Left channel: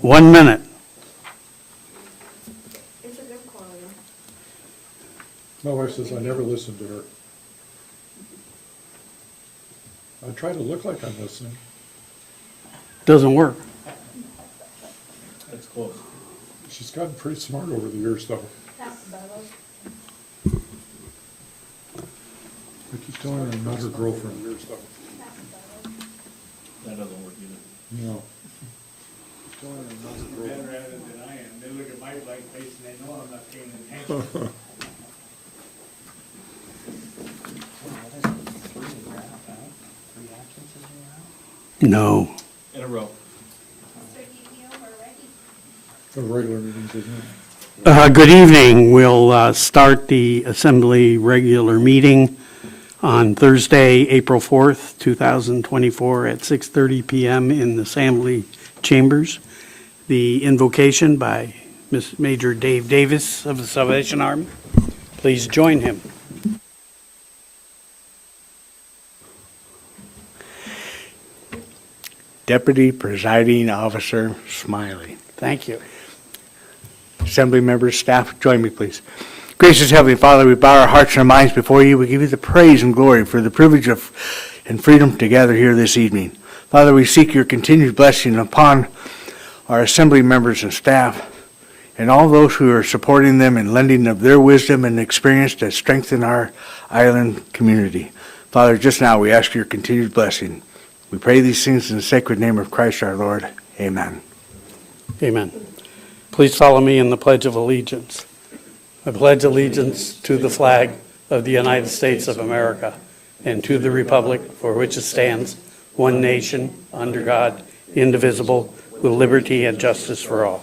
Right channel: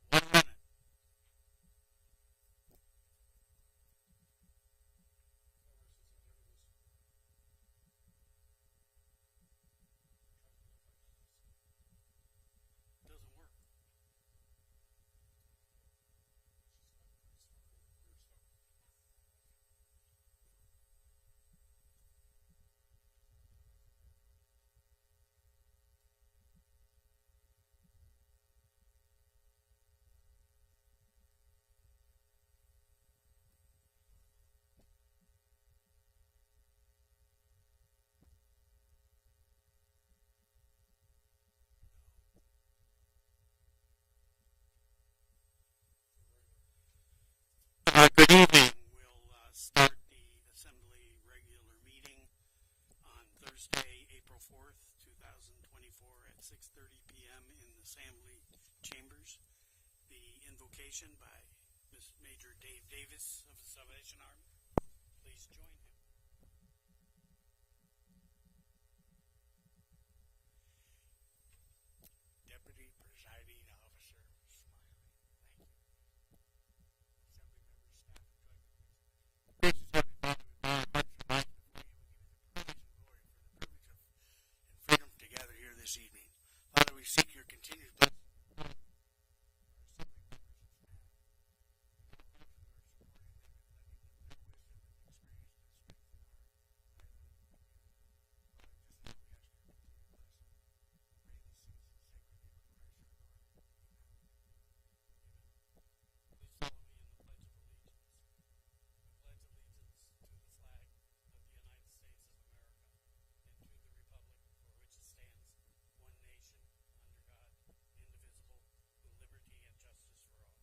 1 minute. It's a good quality. My wife says I never listen to her. I try to look like I'm listening. Doesn't work. That's close. She's gotten pretty smart over the years, though. I keep telling her I'm not her girlfriend. That doesn't work either. No. Better at it than I am. They look at my blank face and they know I'm not paying attention. No. In a row. The regular meetings, isn't it? Good evening. We'll start the Assembly regular meeting on Thursday, April 4th, 2024 at 6:30 p.m. in the Assembly Chambers. The invocation by Major Dave Davis of the Salvation Army. Please join him. Deputy Presiding Officer Smiley. Thank you. Assembly members, staff, join me, please. Gracious Heavenly Father, we bow our hearts and our minds before you. We give you the praise and glory for the privilege of and freedom to gather here this evening. Father, we seek your continued blessing upon our assembly members and staff and all those who are supporting them and lending of their wisdom and experience to strengthen our island community. Father, just now we ask your continued blessing. We pray these things in the sacred name of Christ our Lord. Amen. Amen. Please follow me in the Pledge of Allegiance. I pledge allegiance to the flag of the United States of America and to the republic for which it stands, one nation, under God, indivisible, with liberty and justice for all.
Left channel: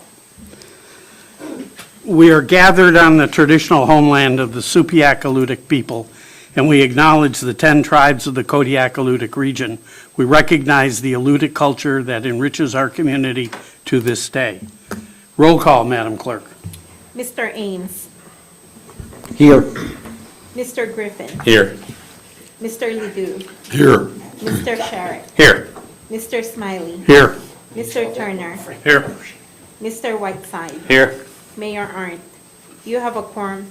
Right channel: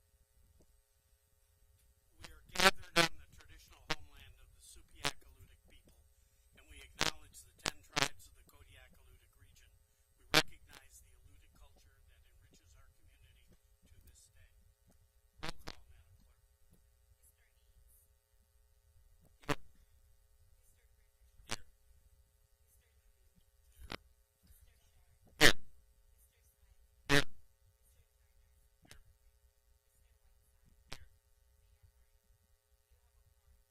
We are gathered on the traditional homeland of the Supiaq-Alutiiq people, and we acknowledge the 10 tribes of the Kodiak-Alutiiq region. We recognize the Alutiiq culture that enriches our community to this day. Roll call, Madam Clerk. Mr. Ames. Here. Mr. Griffin. Here. Mr. Ledoux. Here. Mr. Sharrett. Here. Mr. Smiley. Here. Mr. Turner. Here. Mr. Whiteside. Here. Mayor Arndt. You have a quorum.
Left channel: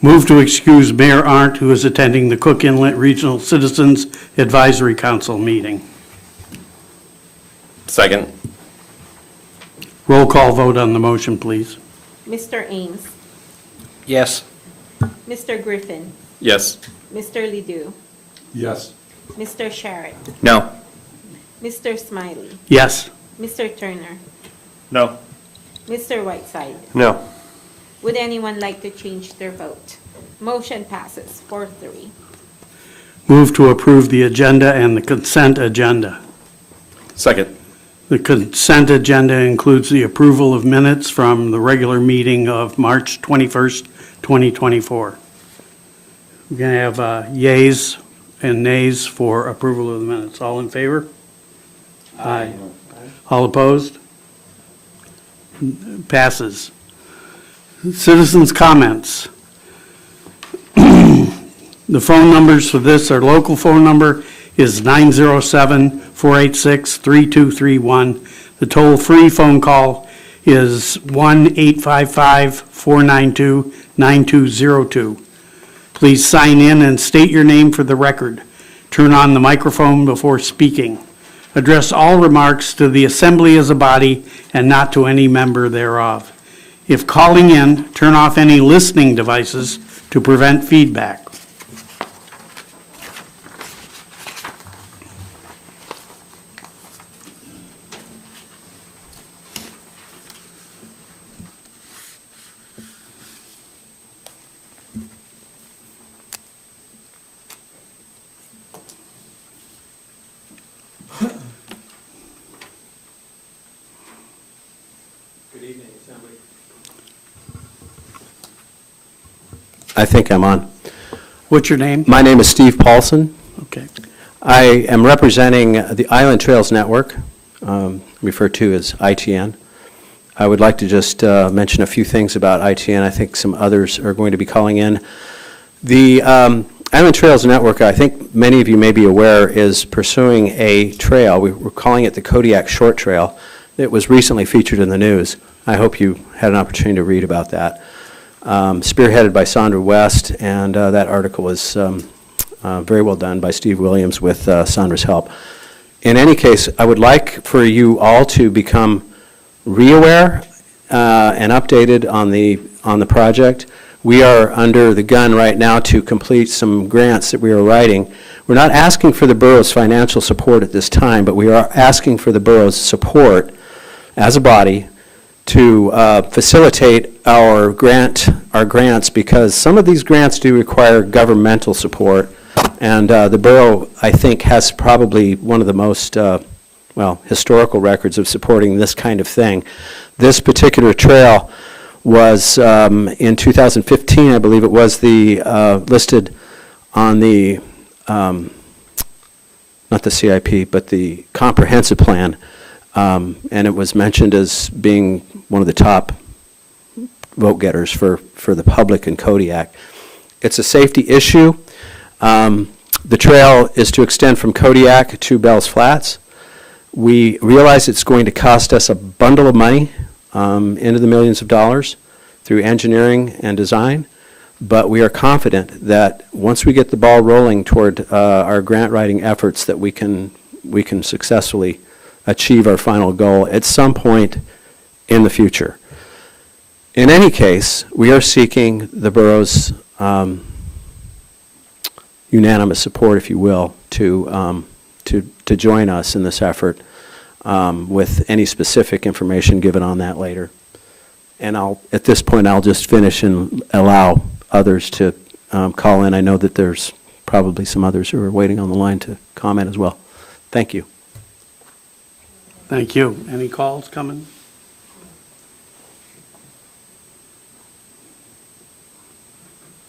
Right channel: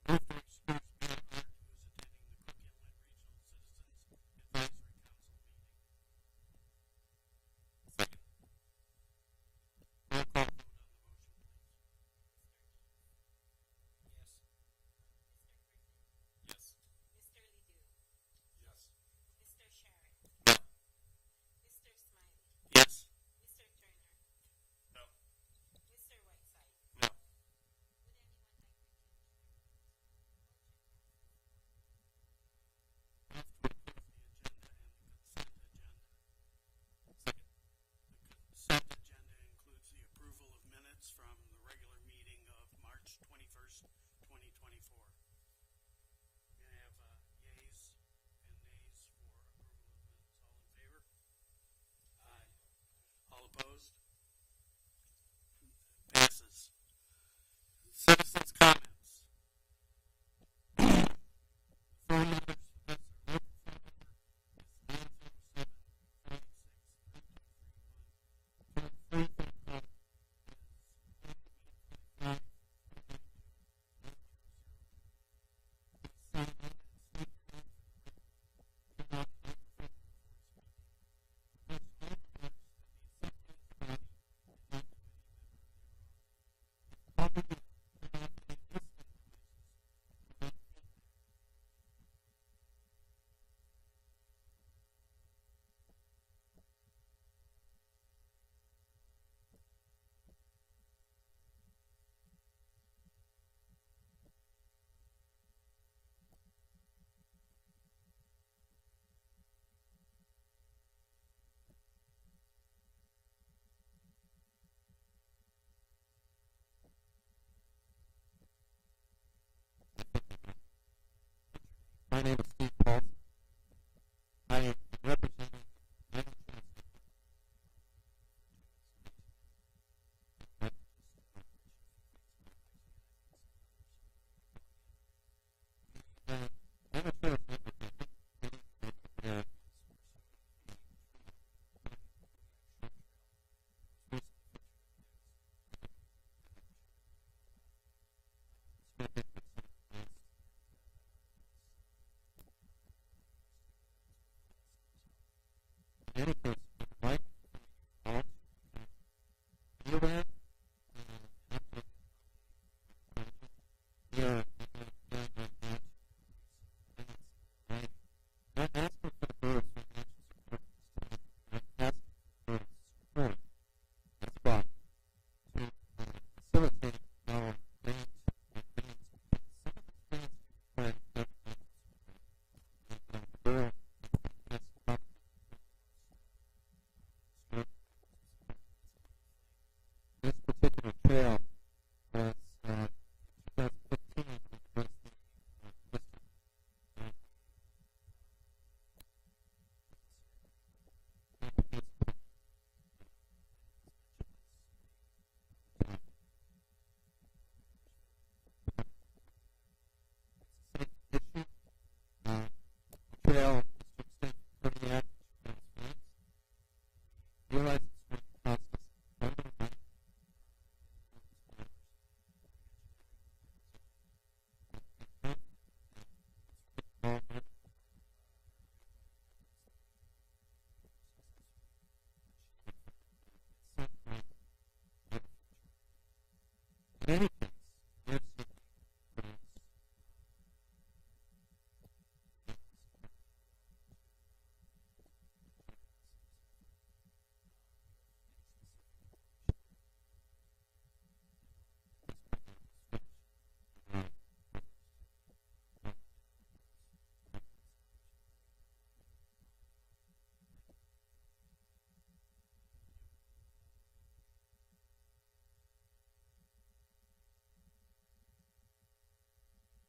Move to excuse Mayor Arndt, who is attending the Cook Inlet Regional Citizens Advisory Council meeting. Second. Roll call vote on the motion, please. Mr. Ames. Yes. Mr. Griffin. Yes. Mr. Ledoux. Yes. Mr. Sharrett. No. Mr. Smiley. Yes. Mr. Turner. No. Mr. Whiteside. No. Would anyone like to change their vote? Motion passes 4-3. Move to approve the agenda and the consent agenda. Second. The consent agenda includes the approval of minutes from the regular meeting of March 21st, 2024. We're going to have yays and nays for approval of the minutes. All in favor? Aye. All opposed? Passes. Citizens' comments. The phone numbers for this, our local phone number is 907-486-3231. The toll-free phone call is 1-855-492-9202. Please sign in and state your name for the record. Turn on the microphone before speaking. Address all remarks to the assembly as a body and not to any member thereof. If calling in, turn off any listening devices to prevent feedback. I think I'm on. What's your name? My name is Steve Paulson. Okay. I am representing the Island Trails Network, referred to as ITN. I would like to just mention a few things about ITN. I think some others are going to be calling in. The Island Trails Network, I think many of you may be aware, is pursuing a trail. We're calling it the Kodiak Short Trail. It was recently featured in the news. I hope you had an opportunity to read about that. Spearheaded by Sandra West, and that article was very well done by Steve Williams with Sandra's help. In any case, I would like for you all to become re-aware and updated on the project. We are under the gun right now to complete some grants that we are writing. We're not asking for the borough's financial support at this time, but we are asking for the borough's support as a body to facilitate our grants, because some of these grants do require governmental support, and the borough, I think, has probably one of the most historical records of supporting this kind of thing. This particular trail was in 2015, I believe it was, the listed on the not the CIP, but the comprehensive plan. And it was mentioned as being one of the top vote getters for the public in Kodiak. It's a safety issue. The trail is to extend from Kodiak to Bell's Flats. We realize it's going to cost us a bundle of money, into the millions of dollars, through engineering and design, but we are confident that once we get the ball rolling toward our grant writing efforts, that we can successfully achieve our final goal at some point in the future. In any case, we are seeking the borough's unanimous support, if you will, to join us in this effort, with any specific information given on that later. And at this point, I'll just finish and allow others to call in. I know that there's probably some others who are waiting on the line to comment as well. Thank you. Thank you. Any calls coming?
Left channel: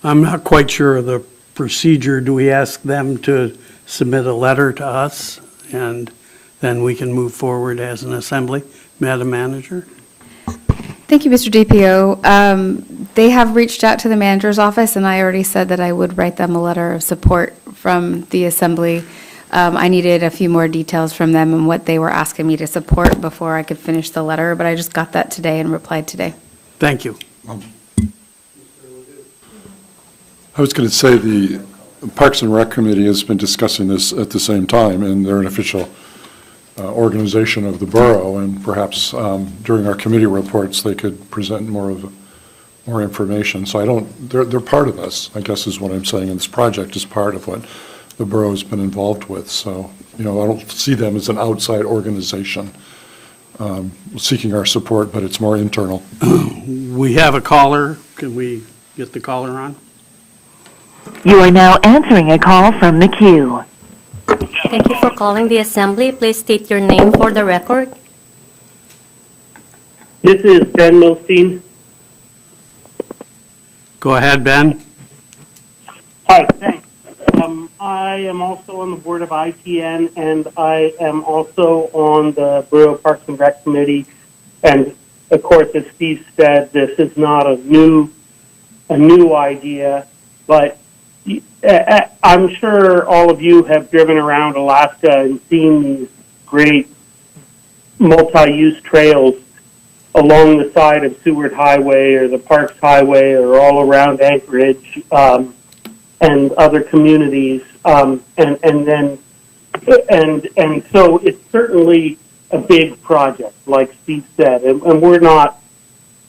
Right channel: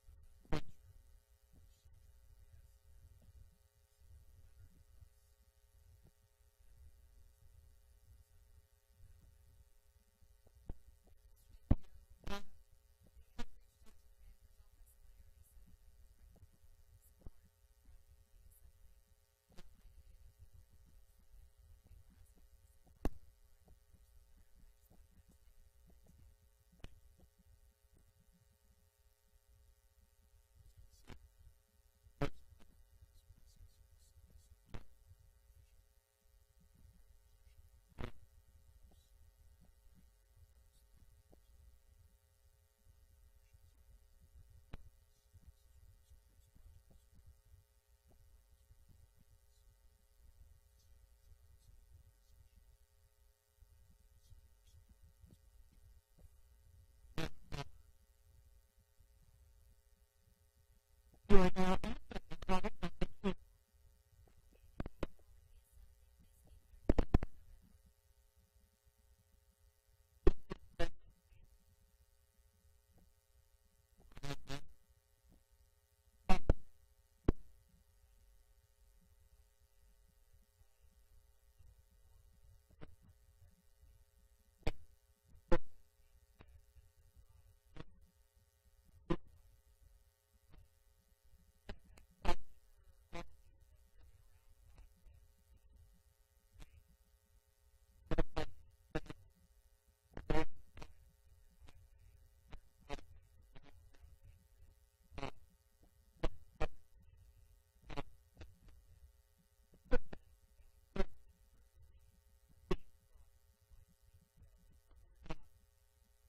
I'm not quite sure of the procedure. Do we ask them to submit a letter to us, and then we can move forward as an assembly? Madam Manager? Thank you, Mr. DPO. They have reached out to the manager's office, and I already said that I would write them a letter of support from the assembly. I needed a few more details from them and what they were asking me to support before I could finish the letter, but I just got that today and replied today. Thank you. I was going to say the Parks and Rec Committee has been discussing this at the same time, and they're an official organization of the borough, and perhaps during our committee reports they could present more information. So they're part of us, I guess is what I'm saying, and this project is part of what the borough has been involved with. So, I don't see them as an outside organization seeking our support, but it's more internal. We have a caller. Can we get the caller on? You are now answering a call from the queue. Thank you for calling the assembly. Please state your name for the record. This is Ben Milstein. Go ahead, Ben. Hi, thanks. I am also on the board of ITN, and I am also on the Borough Parks and Rec Committee. And of course, as Steve said, this is not a new idea, but I'm sure all of you have driven around Alaska and seen these great multi-use trails along the side of Seward Highway or the Parks Highway or all around Anchorage and other communities, and so it's certainly a big project, like Steve said, and we're not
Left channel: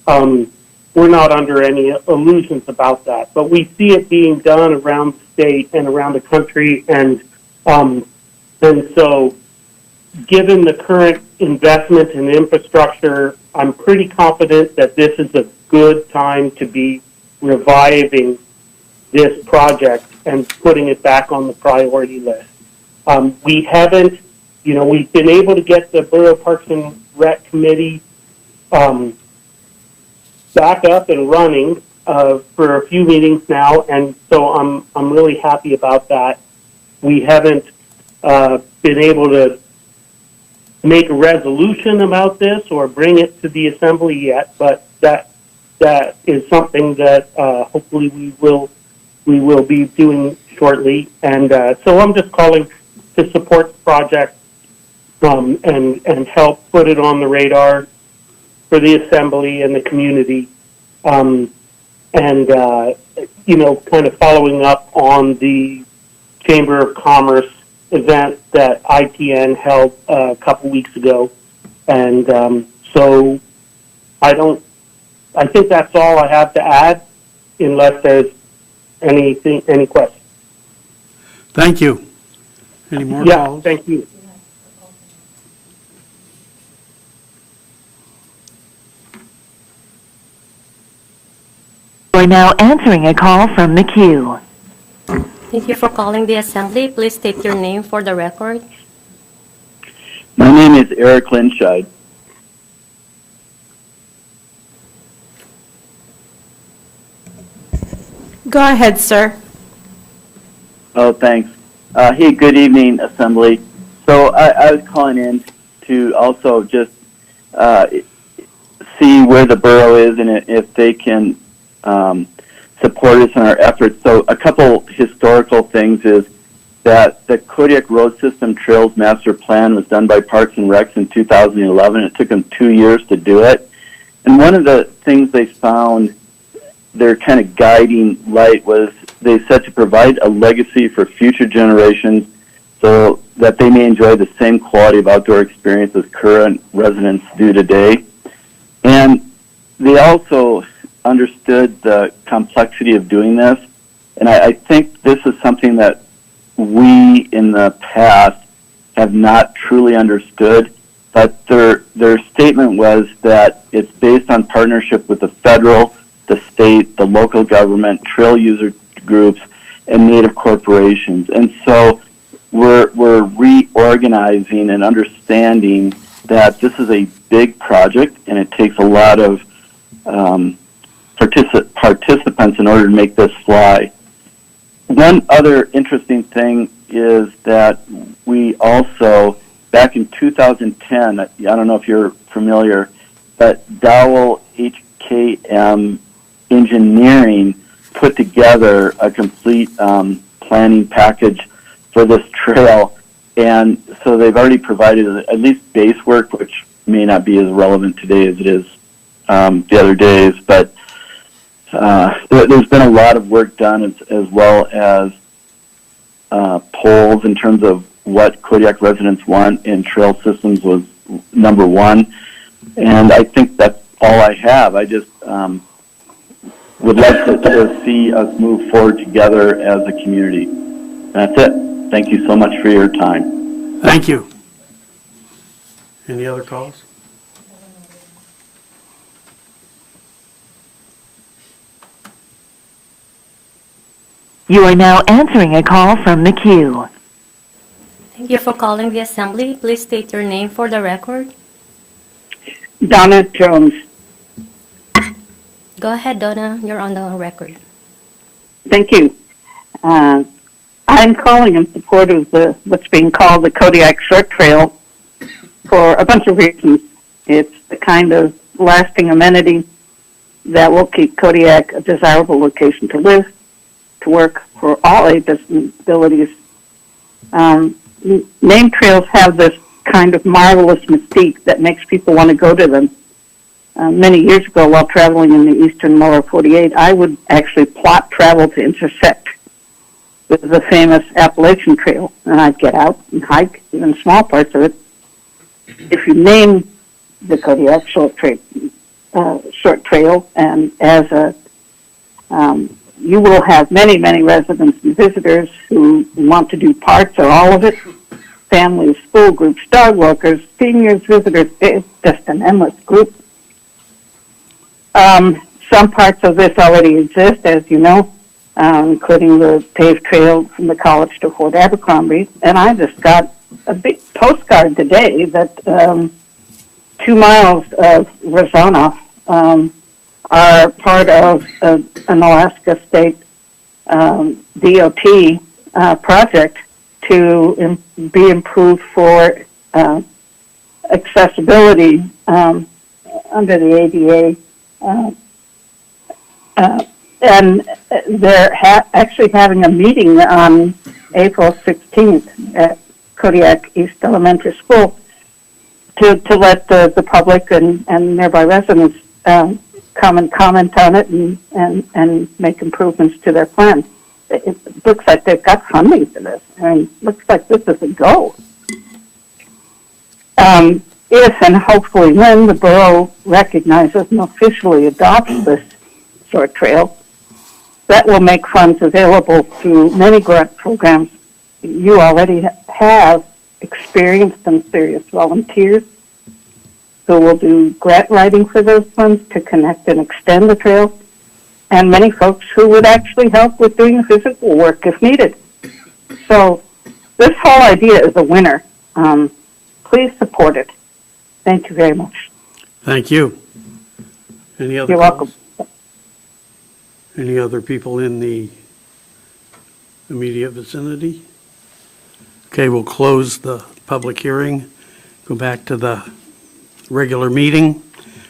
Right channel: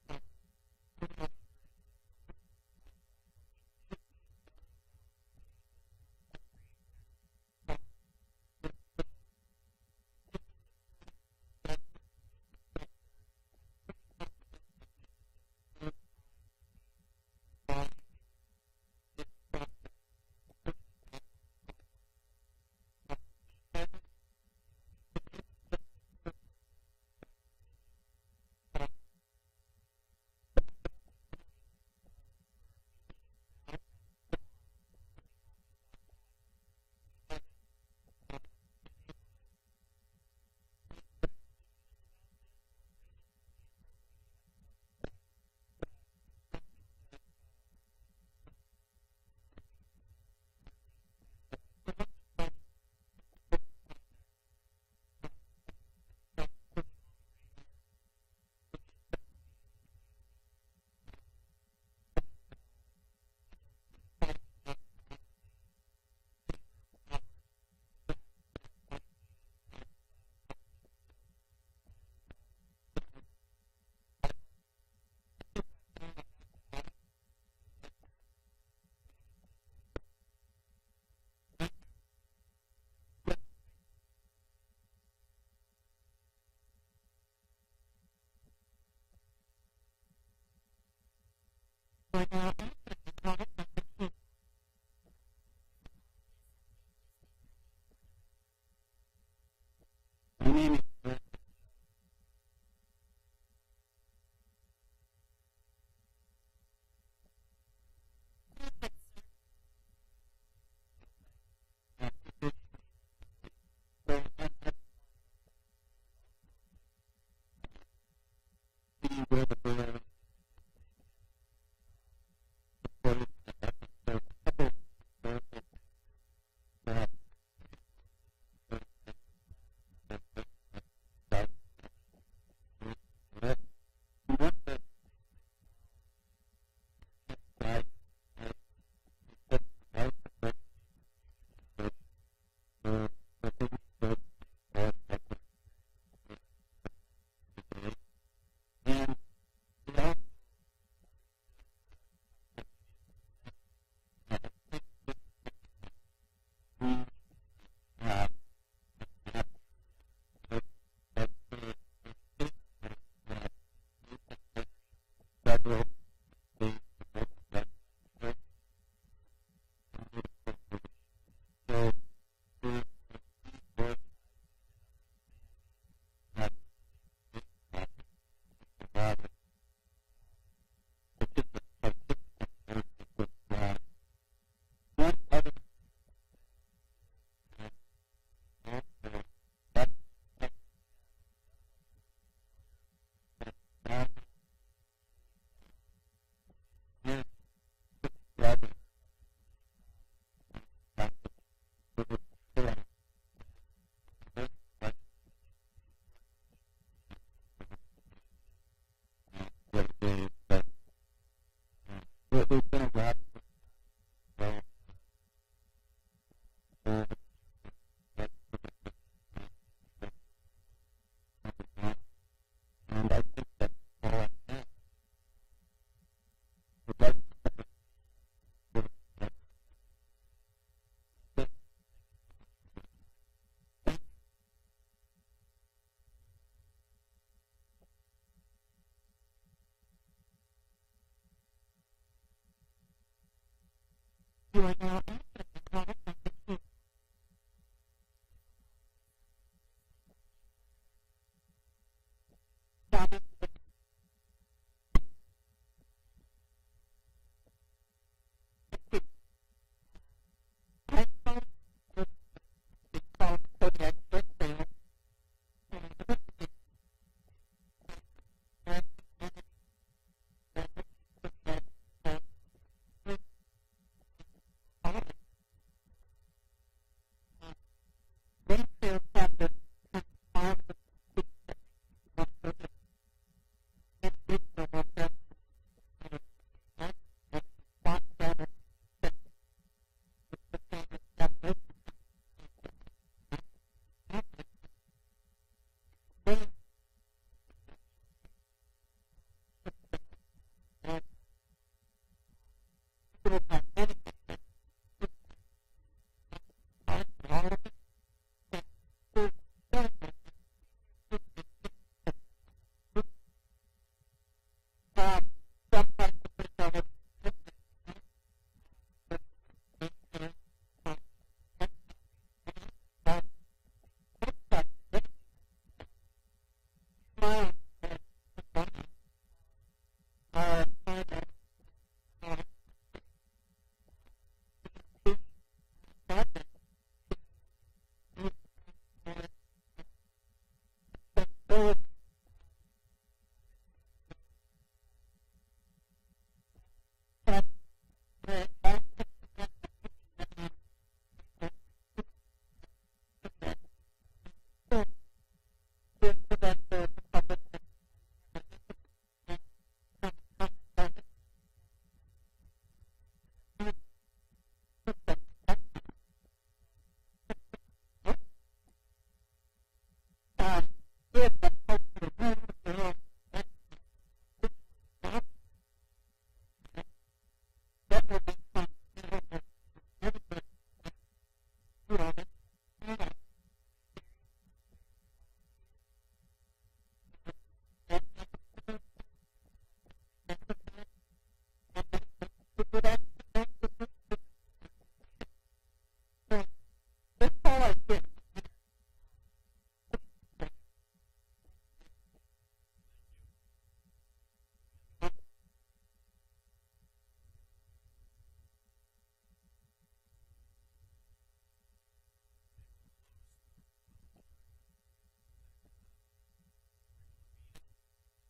under any illusions about that. But we see it being done around the state and around the country, and so given the current investment in infrastructure, I'm pretty confident that this is a good time to be reviving this project and putting it back on the priority list. We haven't, we've been able to get the Borough Parks and Rec Committee back up and running for a few meetings now, and so I'm really happy about that. We haven't been able to make a resolution about this or bring it to the assembly yet, but that is something that hopefully we will be doing shortly. And so I'm just calling to support the project and help put it on the radar for the assembly and the community, kind of following up on the Chamber of Commerce event that ITN held a couple weeks ago. And so I think that's all I have to add, unless there's any questions. Thank you. Any more Yeah, calls? thank you. You are now answering a call from the queue. Thank you for calling the assembly. Please state your name for the record. My name is Eric Linscheid. Go ahead, sir. Oh, thanks. Hey, good evening, Assembly. So I was calling in to also just see where the borough is and if they can support us in our efforts. So a couple historical things is that the Kodiak Road System Trails Master Plan was done by Parks and Recs in 2011. It took them 2 years to do it. And one of the things they found, their kind of guiding light, was they said to provide a legacy for future generations so that they may enjoy the same quality of outdoor experience as current residents do today. And they also understood the complexity of doing this. And I think this is something that we in the past have not truly understood. But their statement was that it's based on partnership with the federal, the state, the local government, trail user groups, and native corporations. And so we're reorganizing and understanding that this is a big project and it takes a lot of participants in order to make this fly. One other interesting thing is that we also, back in 2010, I don't know if you're familiar, but Dowell HKM Engineering put together a complete planning package for this trail. And so they've already provided at least base work, which may not be as relevant today as it is the other days. But there's been a lot of work done as well as polls in terms of what Kodiak residents want in trail systems was number one. And I think that's all I have. I just would like to see us move forward together as a community. That's it. Thank you so much for your time. Thank you. Any other calls? You are now answering a call from the queue. Thank you for calling the assembly. Please state your name for the record. Donna Jones. Go ahead, Donna. You're on the record. Thank you. I'm calling in support of what's being called the Kodiak Short Trail for a bunch of reasons. It's the kind of lasting amenity that will keep Kodiak a desirable location to live, to work for all ages and abilities. Name trails have this kind of marvelous mystique that makes people want to go to them. Many years ago, while traveling in the eastern lower 48, I would actually plot travel to intersect with the famous Appalachian Trail, and I'd get out and hike even small parts of it. If you name the Kodiak Short Trail, and as a you will have many, many residents and visitors who want to do parts or all of it. Families, school groups, dog walkers, seniors, visitors. It's just an endless group. Some parts of this already exist, as you know, including the paved trail from the college to Fort Abercrombie. And I just got a big postcard today that 2 miles of Rosanna are part of an Alaska State DOT project to be improved for accessibility under the ADA. And they're actually having a meeting on April 16th at Kodiak East Elementary School to let the public and nearby residents come and comment on it and make improvements to their plan. It looks like they've got funding for this, and it looks like this is a go. If and hopefully when the borough recognizes and officially adopts this short trail, that will make funds available through many grant programs. You already have experienced and serious volunteers who will do grant writing for those funds to connect and extend the trail, and many folks who would actually help with doing physical work if needed. So this whole idea is a winner. Please support it. Thank you very much. Thank you. Any other You're welcome. Any other people in the immediate vicinity? Okay, we'll close the public hearing, go back to the regular meeting.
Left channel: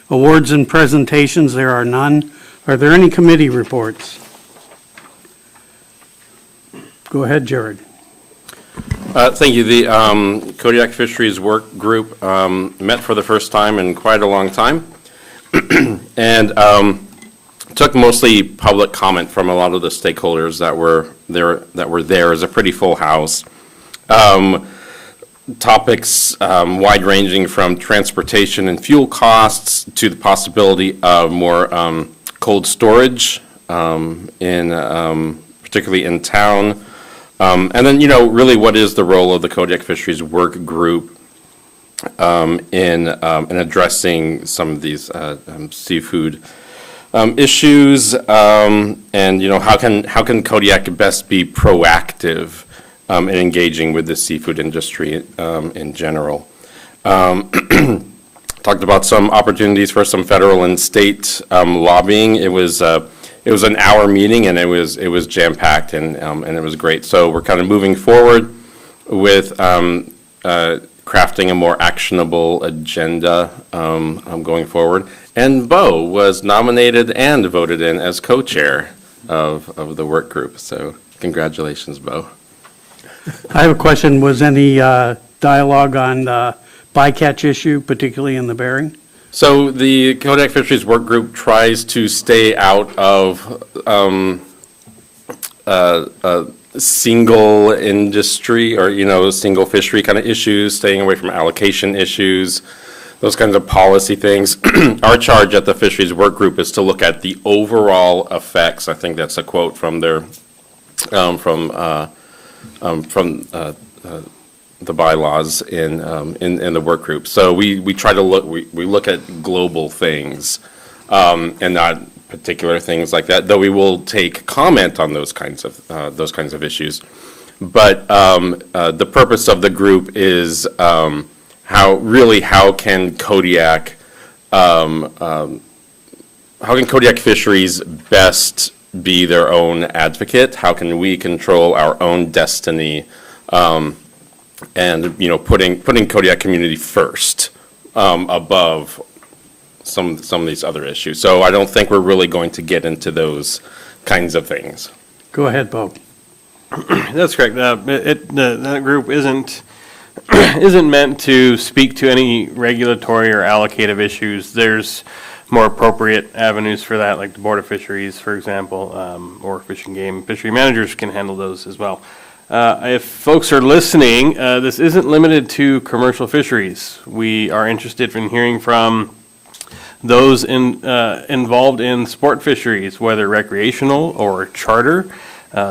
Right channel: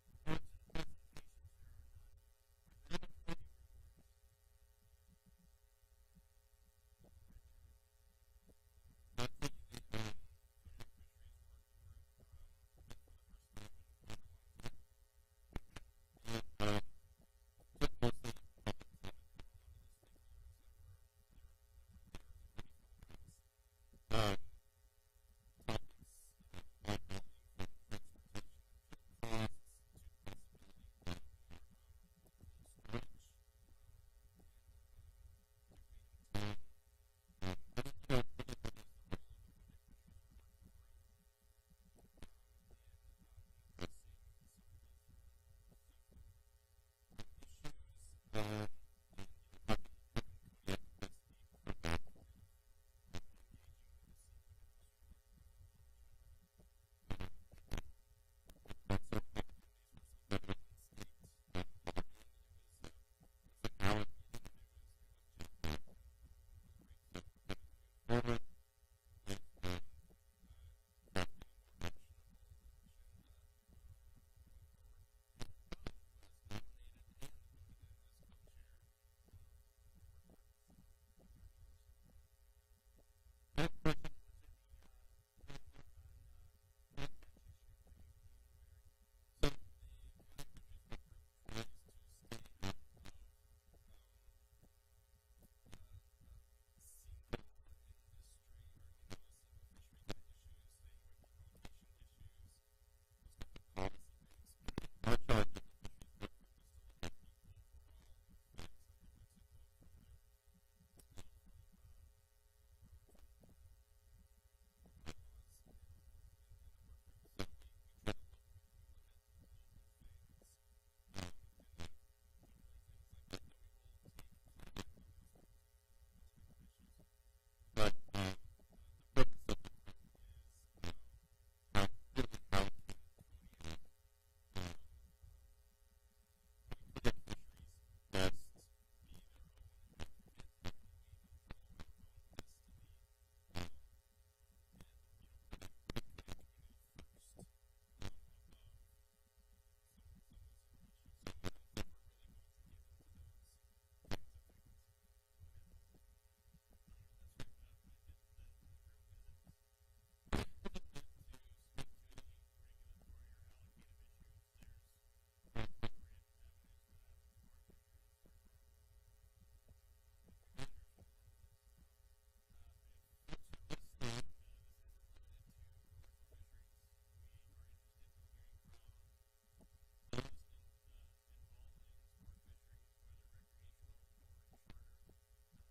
Awards and presentations, there are none. Are there any committee reports? Go ahead, Jared. Thank you. The Kodiak Fisheries Work Group met for the first time in quite a long time and took mostly public comment from a lot of the stakeholders that were there. It was a pretty full house. Topics wide-ranging from transportation and fuel costs to the possibility of more cold storage, particularly in town. And then, really what is the role of the Kodiak Fisheries Work Group in addressing some of these seafood issues, and, how can Kodiak best be proactive in engaging with the seafood industry in general. Talked about some opportunities for some federal and state lobbying. It was an hour meeting, and it was jam-packed, and it was great. So we're kind of moving forward with crafting a more actionable agenda going forward. And Bo was nominated and voted in as co-chair of the work group. So congratulations, Bo. I have a question. Was any dialogue on the bycatch issue, particularly in the Bering? So the Kodiak Fisheries Work Group tries to stay out of single industry or, single fishery kind of issues, staying away from allocation issues, those kinds of policy things. Our charge at the Fisheries Work Group is to look at the overall effects. I think that's a quote from their, the bylaws in the work group. So we try to we look at global things and not particular things like that, though we will take comment on those kinds of issues. But the purpose of the group is how can Kodiak Kodiak Fisheries best be their own advocate? How can we control our own destiny? And, putting Kodiak community first, above some of these other issues. So I don't think we're really going to get into those kinds of things. Go ahead, Bo. That's correct. That group isn't meant to speak to any regulatory or allocative issues. There's more appropriate avenues for that, like the Board of Fisheries, for example, or Fish and Game. Fishery managers can handle those as well. If folks are listening, this isn't limited to commercial fisheries. We are interested in hearing from those involved in sport fisheries, whether recreational or charter,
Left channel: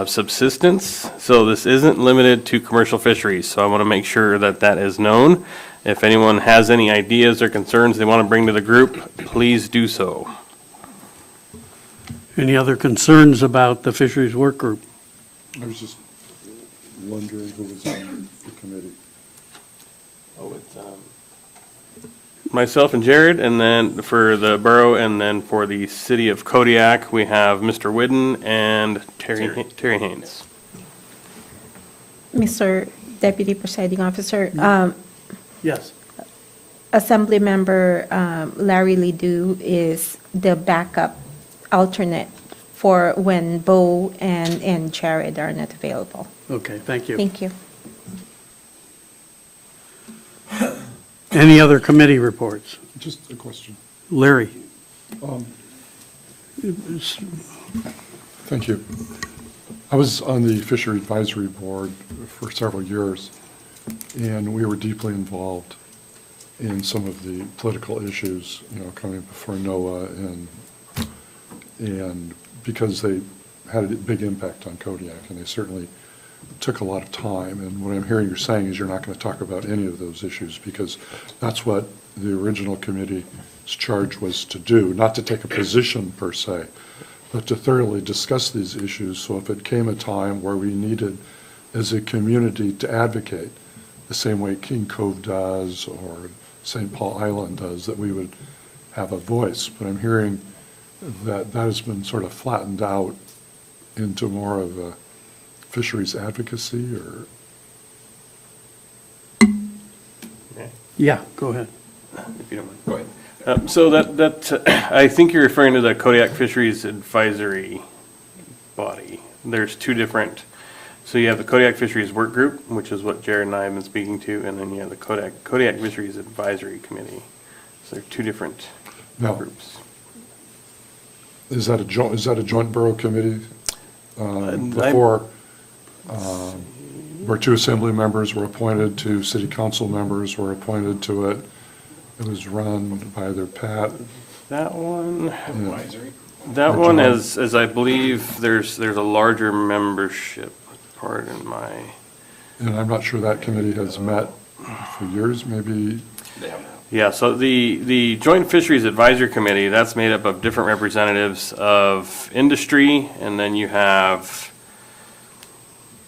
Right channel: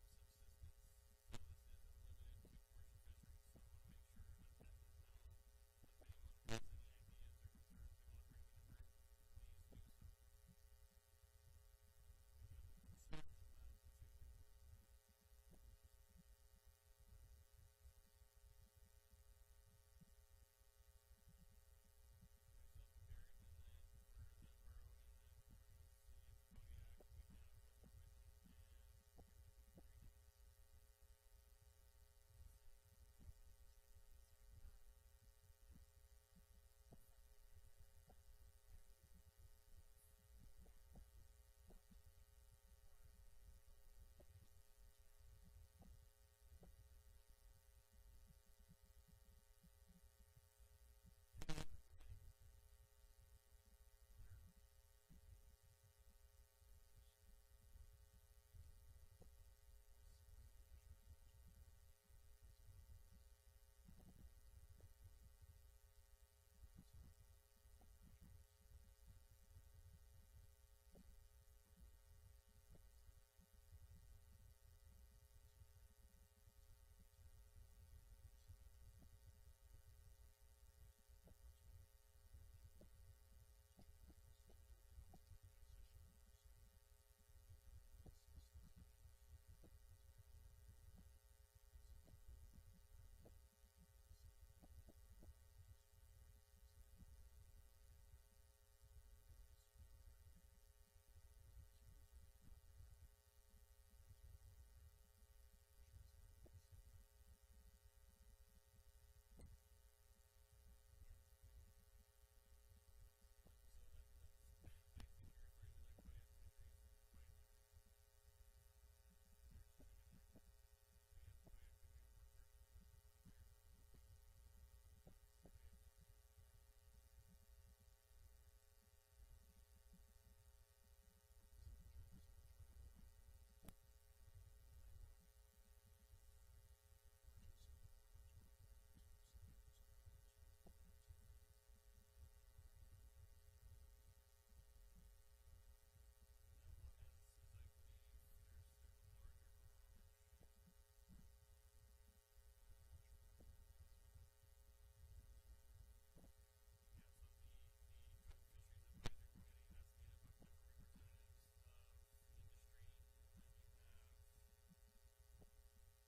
subsistence. So this isn't limited to commercial fisheries. So I want to make sure that that is known. If anyone has any ideas or concerns they want to bring to the group, please do so. Any other concerns about the fisheries work group? I was just wondering who was on the committee. Oh, it's myself and Jared, and then for the borough, and then for the city of Kodiak, we have Mr. Whidden and Terry Haynes. Mr. Deputy Presiding Officer, Yes. Assembly Member Larry Ledoux is the backup alternate for when Bo and Jared are not available. Okay, thank you. Thank you. Any other committee reports? Just a question. Larry? Thank you. I was on the Fishery Advisory Board for several years, and we were deeply involved in some of the political issues, coming before NOAA, and because they had a big impact on Kodiak, and they certainly took a lot of time. And what I'm hearing you're saying is you're not going to talk about any of those issues, because that's what the original committee's charge was to do, not to take a position per se, but to thoroughly discuss these issues. So if it came a time where we needed, as a community, to advocate the same way King Cove does or St. Paul Island does, that we would have a voice. But I'm hearing that that has been sort of flattened out into more of a fisheries advocacy, or? Yeah, go ahead. If you don't mind. Go ahead. So I think you're referring to the Kodiak Fisheries Advisory Body. There's two different, so you have the Kodiak Fisheries Work Group, which is what Jared and I have been speaking to, and then you have the Kodiak Fisheries Advisory Committee. So they're two different groups. Is that a joint borough committee? Before, where two assembly members were appointed, two city council members were appointed to it. It was run by either Pat. That one, Advisory. that one is, as I believe, there's a larger membership, pardon my. And I'm not sure that committee has met for years, maybe. Yeah, so the Joint Fisheries Advisory Committee, that's made up of different representatives of industry, and then you have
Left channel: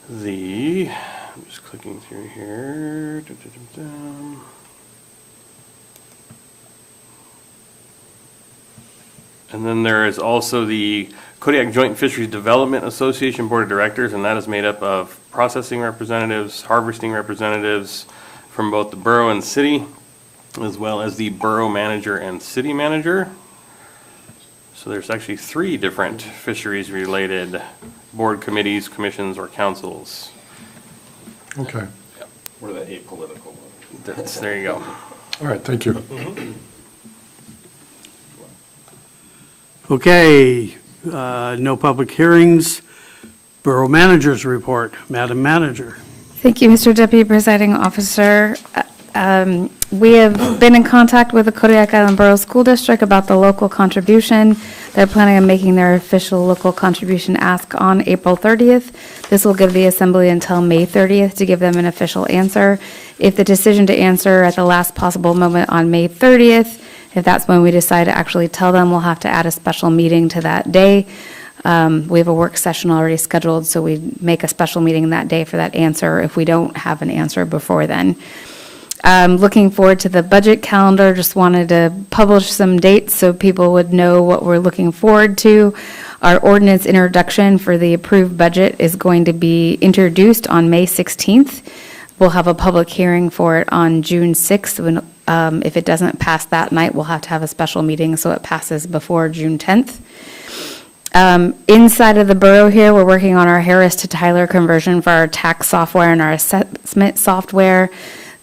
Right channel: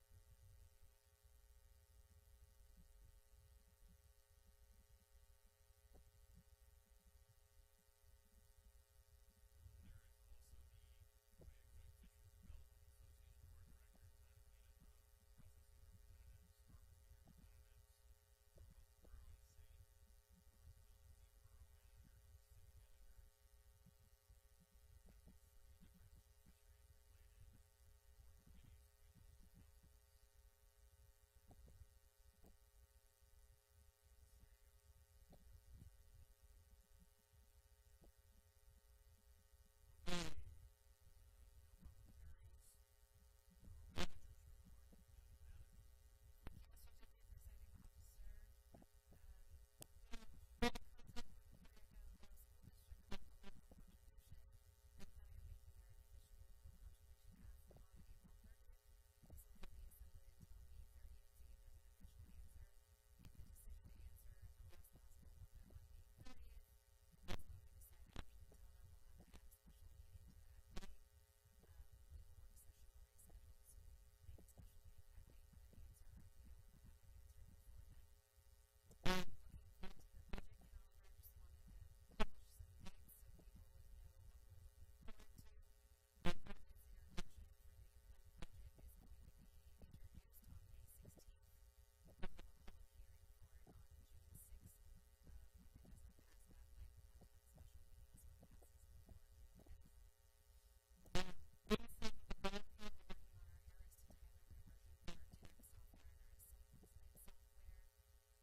I'm just clicking through here. And then there is also the Kodiak Joint Fisheries Development Association Board of Directors, and that is made up of processing representatives, harvesting representatives from both the borough and city, as well as the borough manager and city manager. So there's actually three different fisheries-related board committees, commissions, or councils. Okay. We're the apolitical one. There you go. All right, thank you. Okay, no public hearings. Borough Manager's report. Madam Manager. Thank you, Mr. Deputy Presiding Officer. We have been in contact with the Kodiak Island Borough School District about the local contribution. They're planning on making their official local contribution ask on April 30th. This will give the Assembly until May 30th to give them an official answer. If the decision to answer at the last possible moment on May 30th, if that's when we decide to actually tell them, we'll have to add a special meeting to that day. We have a work session already scheduled, so we make a special meeting that day for that answer if we don't have an answer before then. Looking forward to the budget calendar, just wanted to publish some dates so people would know what we're looking forward to. Our ordinance introduction for the approved budget is going to be introduced on May 16th. We'll have a public hearing for it on June 6th. If it doesn't pass that night, we'll have to have a special meeting so it passes before June 10th. Inside of the borough here, we're working on our Harris to Tyler conversion for our tax software and our assessment software.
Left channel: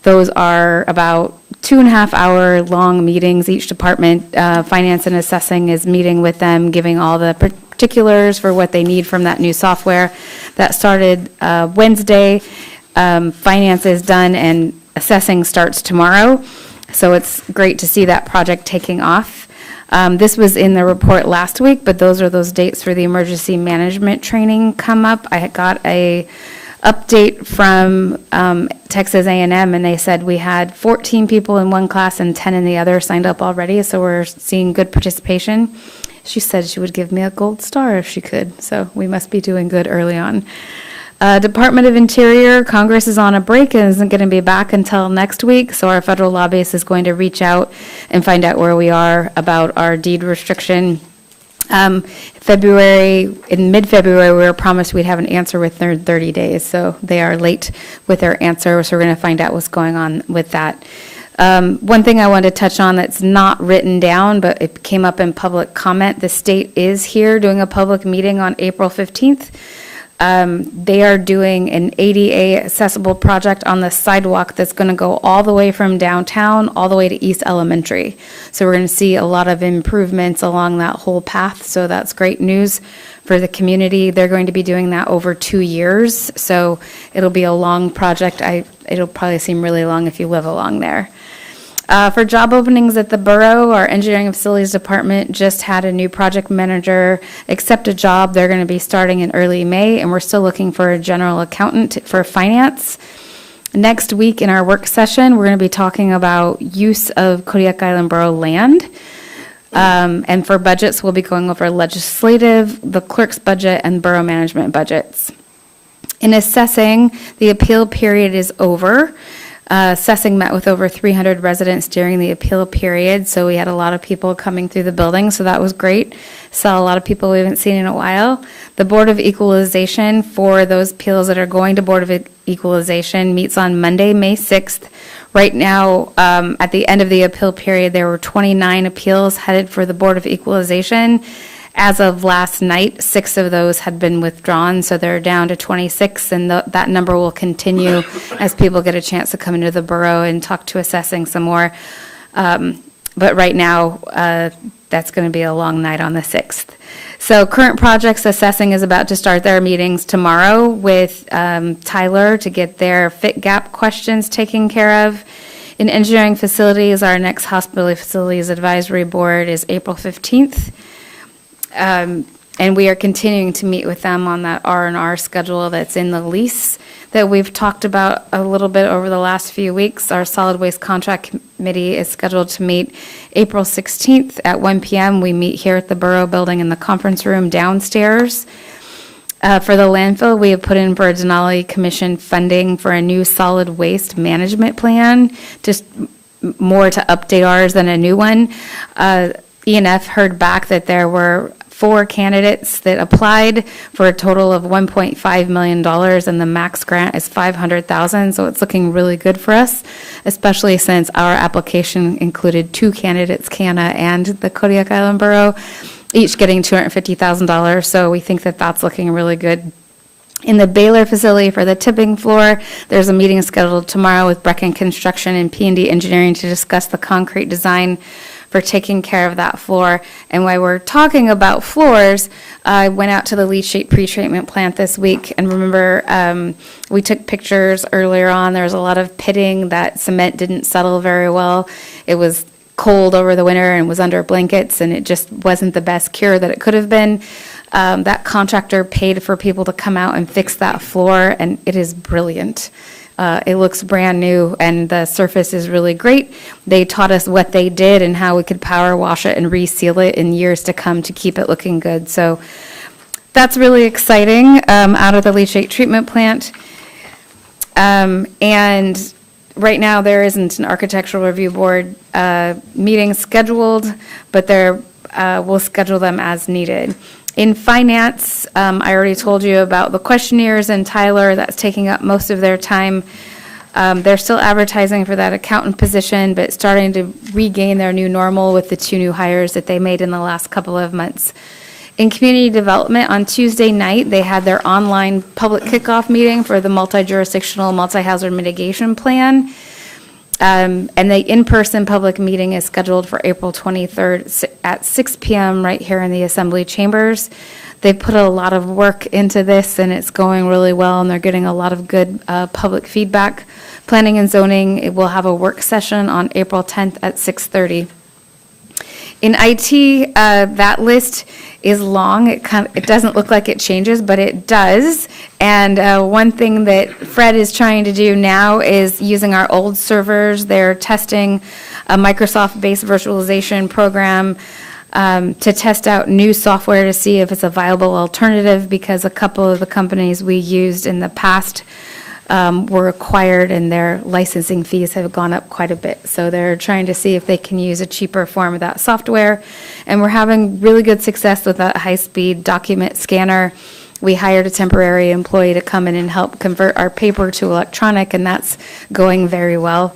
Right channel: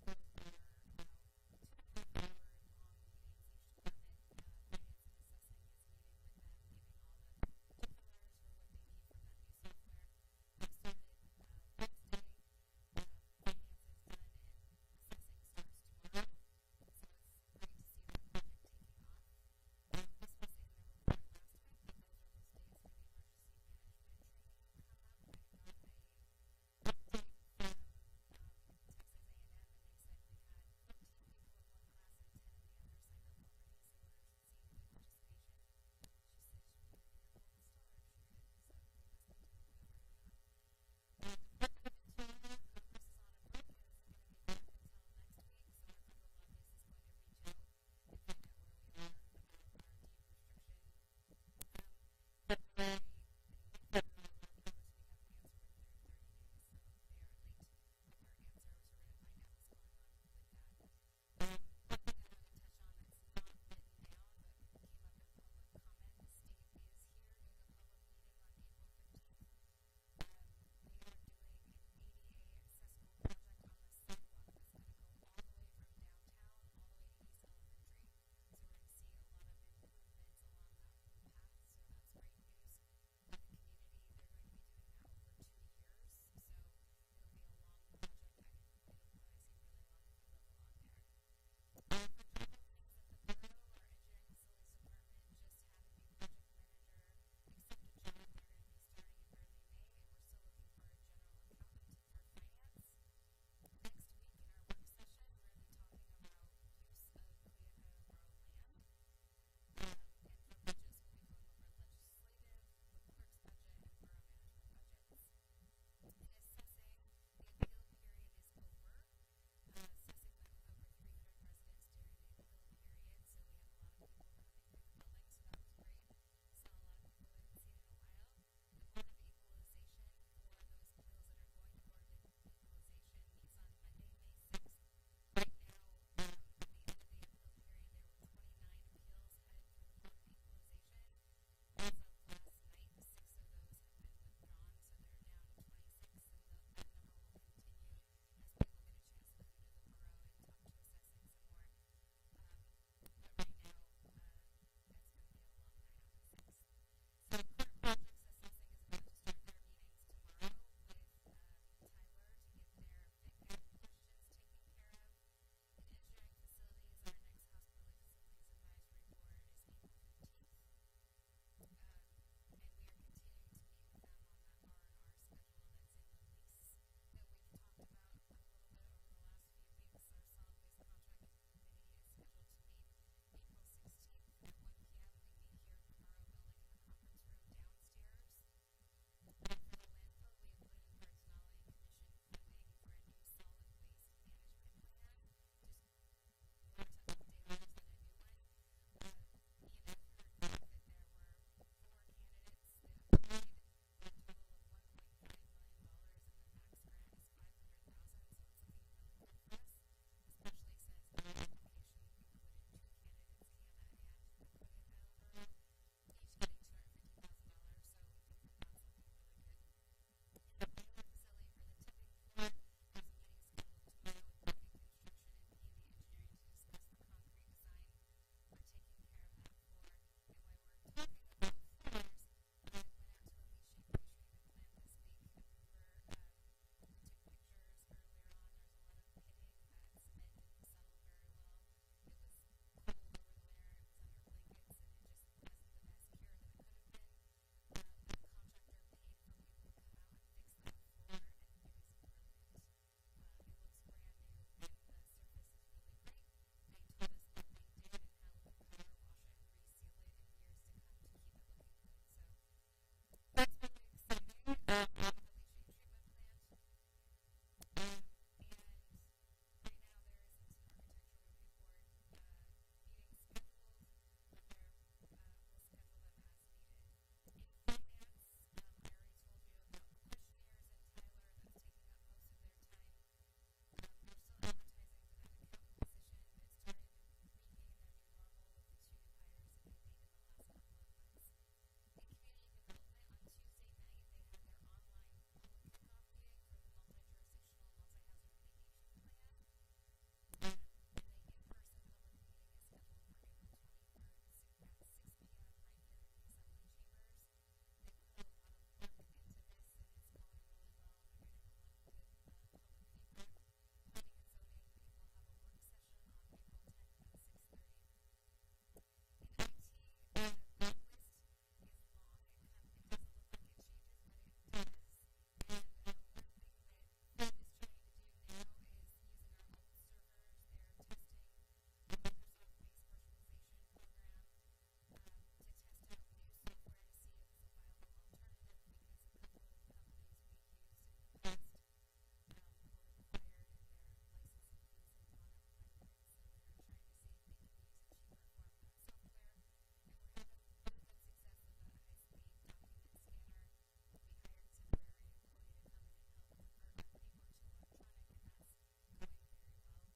Those are about 2.5 hour long meetings. Each department, finance and assessing, is meeting with them, giving all the particulars for what they need from that new software. That started Wednesday. Finance is done and assessing starts tomorrow. So it's great to see that project taking off. This was in the report last week, but those are those dates for the emergency management training come up. I got a update from Texas A&M, and they said we had 14 people in one class and 10 in the other signed up already, so we're seeing good participation. She said she would give me a gold star if she could, so we must be doing good early on. Department of Interior, Congress is on a break and isn't going to be back until next week, so our federal lobbyist is going to reach out and find out where we are about our deed restriction. In mid-February, we were promised we'd have an answer within 30 days, so they are late with their answer, so we're going to find out what's going on with that. One thing I wanted to touch on that's not written down, but it came up in public comment, the state is here doing a public meeting on April 15th. They are doing an ADA accessible project on the sidewalk that's going to go all the way from downtown all the way to East Elementary. So we're going to see a lot of improvements along that whole path. So that's great news for the community. They're going to be doing that over 2 years. So it'll be a long project. It'll probably seem really long if you live along there. For job openings at the borough, our engineering and facilities department just had a new project manager accept a job. They're going to be starting in early May, and we're still looking for a general accountant for finance. Next week in our work session, we're going to be talking about use of Kodiak Island Borough land. And for budgets, we'll be going over legislative, the clerk's budget, and borough management budgets. In assessing, the appeal period is over. Assessing met with over 300 residents during the appeal period, so we had a lot of people coming through the building, so that was great. Saw a lot of people we haven't seen in a while. The Board of Equalization, for those appeals that are going to Board of Equalization, meets on Monday, May 6th. Right now, at the end of the appeal period, there were 29 appeals headed for the Board of Equalization. As of last night, 6 of those had been withdrawn, so they're down to 26, and that number will continue as people get a chance to come into the borough and talk to assessing some more. But right now, that's going to be a long night on the 6th. So current projects, assessing is about to start their meetings tomorrow with Tyler to get their fit gap questions taken care of. In engineering facilities, our next hospital facilities advisory board is April 15th. And we are continuing to meet with them on that R&R schedule that's in the lease that we've talked about a little bit over the last few weeks. Our solid waste contract committee is scheduled to meet April 16th at 1 p.m. We meet here at the Borough Building in the conference room downstairs. For the landfill, we have put in for a Denali Commission funding for a new solid waste management plan, just more to update ours than a new one. E&F heard back that there were 4 candidates that applied for a total of $1.5 million, and the max grant is $500,000, so it's looking really good for us, especially since our application included 2 candidates, CANA and the Kodiak Island Borough, each getting $250,000, so we think that that's looking really good. In the Baylor facility for the tipping floor, there's a meeting scheduled tomorrow with Brecken Construction and P&D Engineering to discuss the concrete design for taking care of that floor. And while we're talking about floors, I went out to the leachate pretreatment plant this week, and remember, we took pictures earlier on. There was a lot of pitting. That cement didn't settle very well. It was cold over the winter and was under blankets, and it just wasn't the best cure that it could have been. That contractor paid for people to come out and fix that floor, and it is brilliant. It looks brand new, and the surface is really great. They taught us what they did and how we could power wash it and reseal it in years to come to keep it looking good. So that's really exciting out of the leachate treatment plant. And right now, there isn't an architectural review board meeting scheduled, but we'll schedule them as needed. In finance, I already told you about the questionnaires and Tyler, that's taking up most of their time. They're still advertising for that accountant position, but starting to regain their new normal with the 2 new hires that they made in the last couple of months. In community development, on Tuesday night, they had their online public kickoff meeting for the multi-jurisdictional, multi-hazard mitigation plan. And the in-person public meeting is scheduled for April 23rd at 6 p.m. right here in the Assembly chambers. They've put a lot of work into this, and it's going really well, and they're getting a lot of good public feedback. Planning and zoning, it will have a work session on April 10th at 6:30. In IT, that list is long. It doesn't look like it changes, but it does. And one thing that Fred is trying to do now is using our old servers. They're testing a Microsoft-based virtualization program to test out new software to see if it's a viable alternative, because a couple of the companies we used in the past were acquired and their licensing fees have gone up quite a bit. So they're trying to see if they can use a cheaper form of that software. And we're having really good success with that high-speed document scanner. We hired a temporary employee to come in and help convert our paper to electronic, and that's going very well.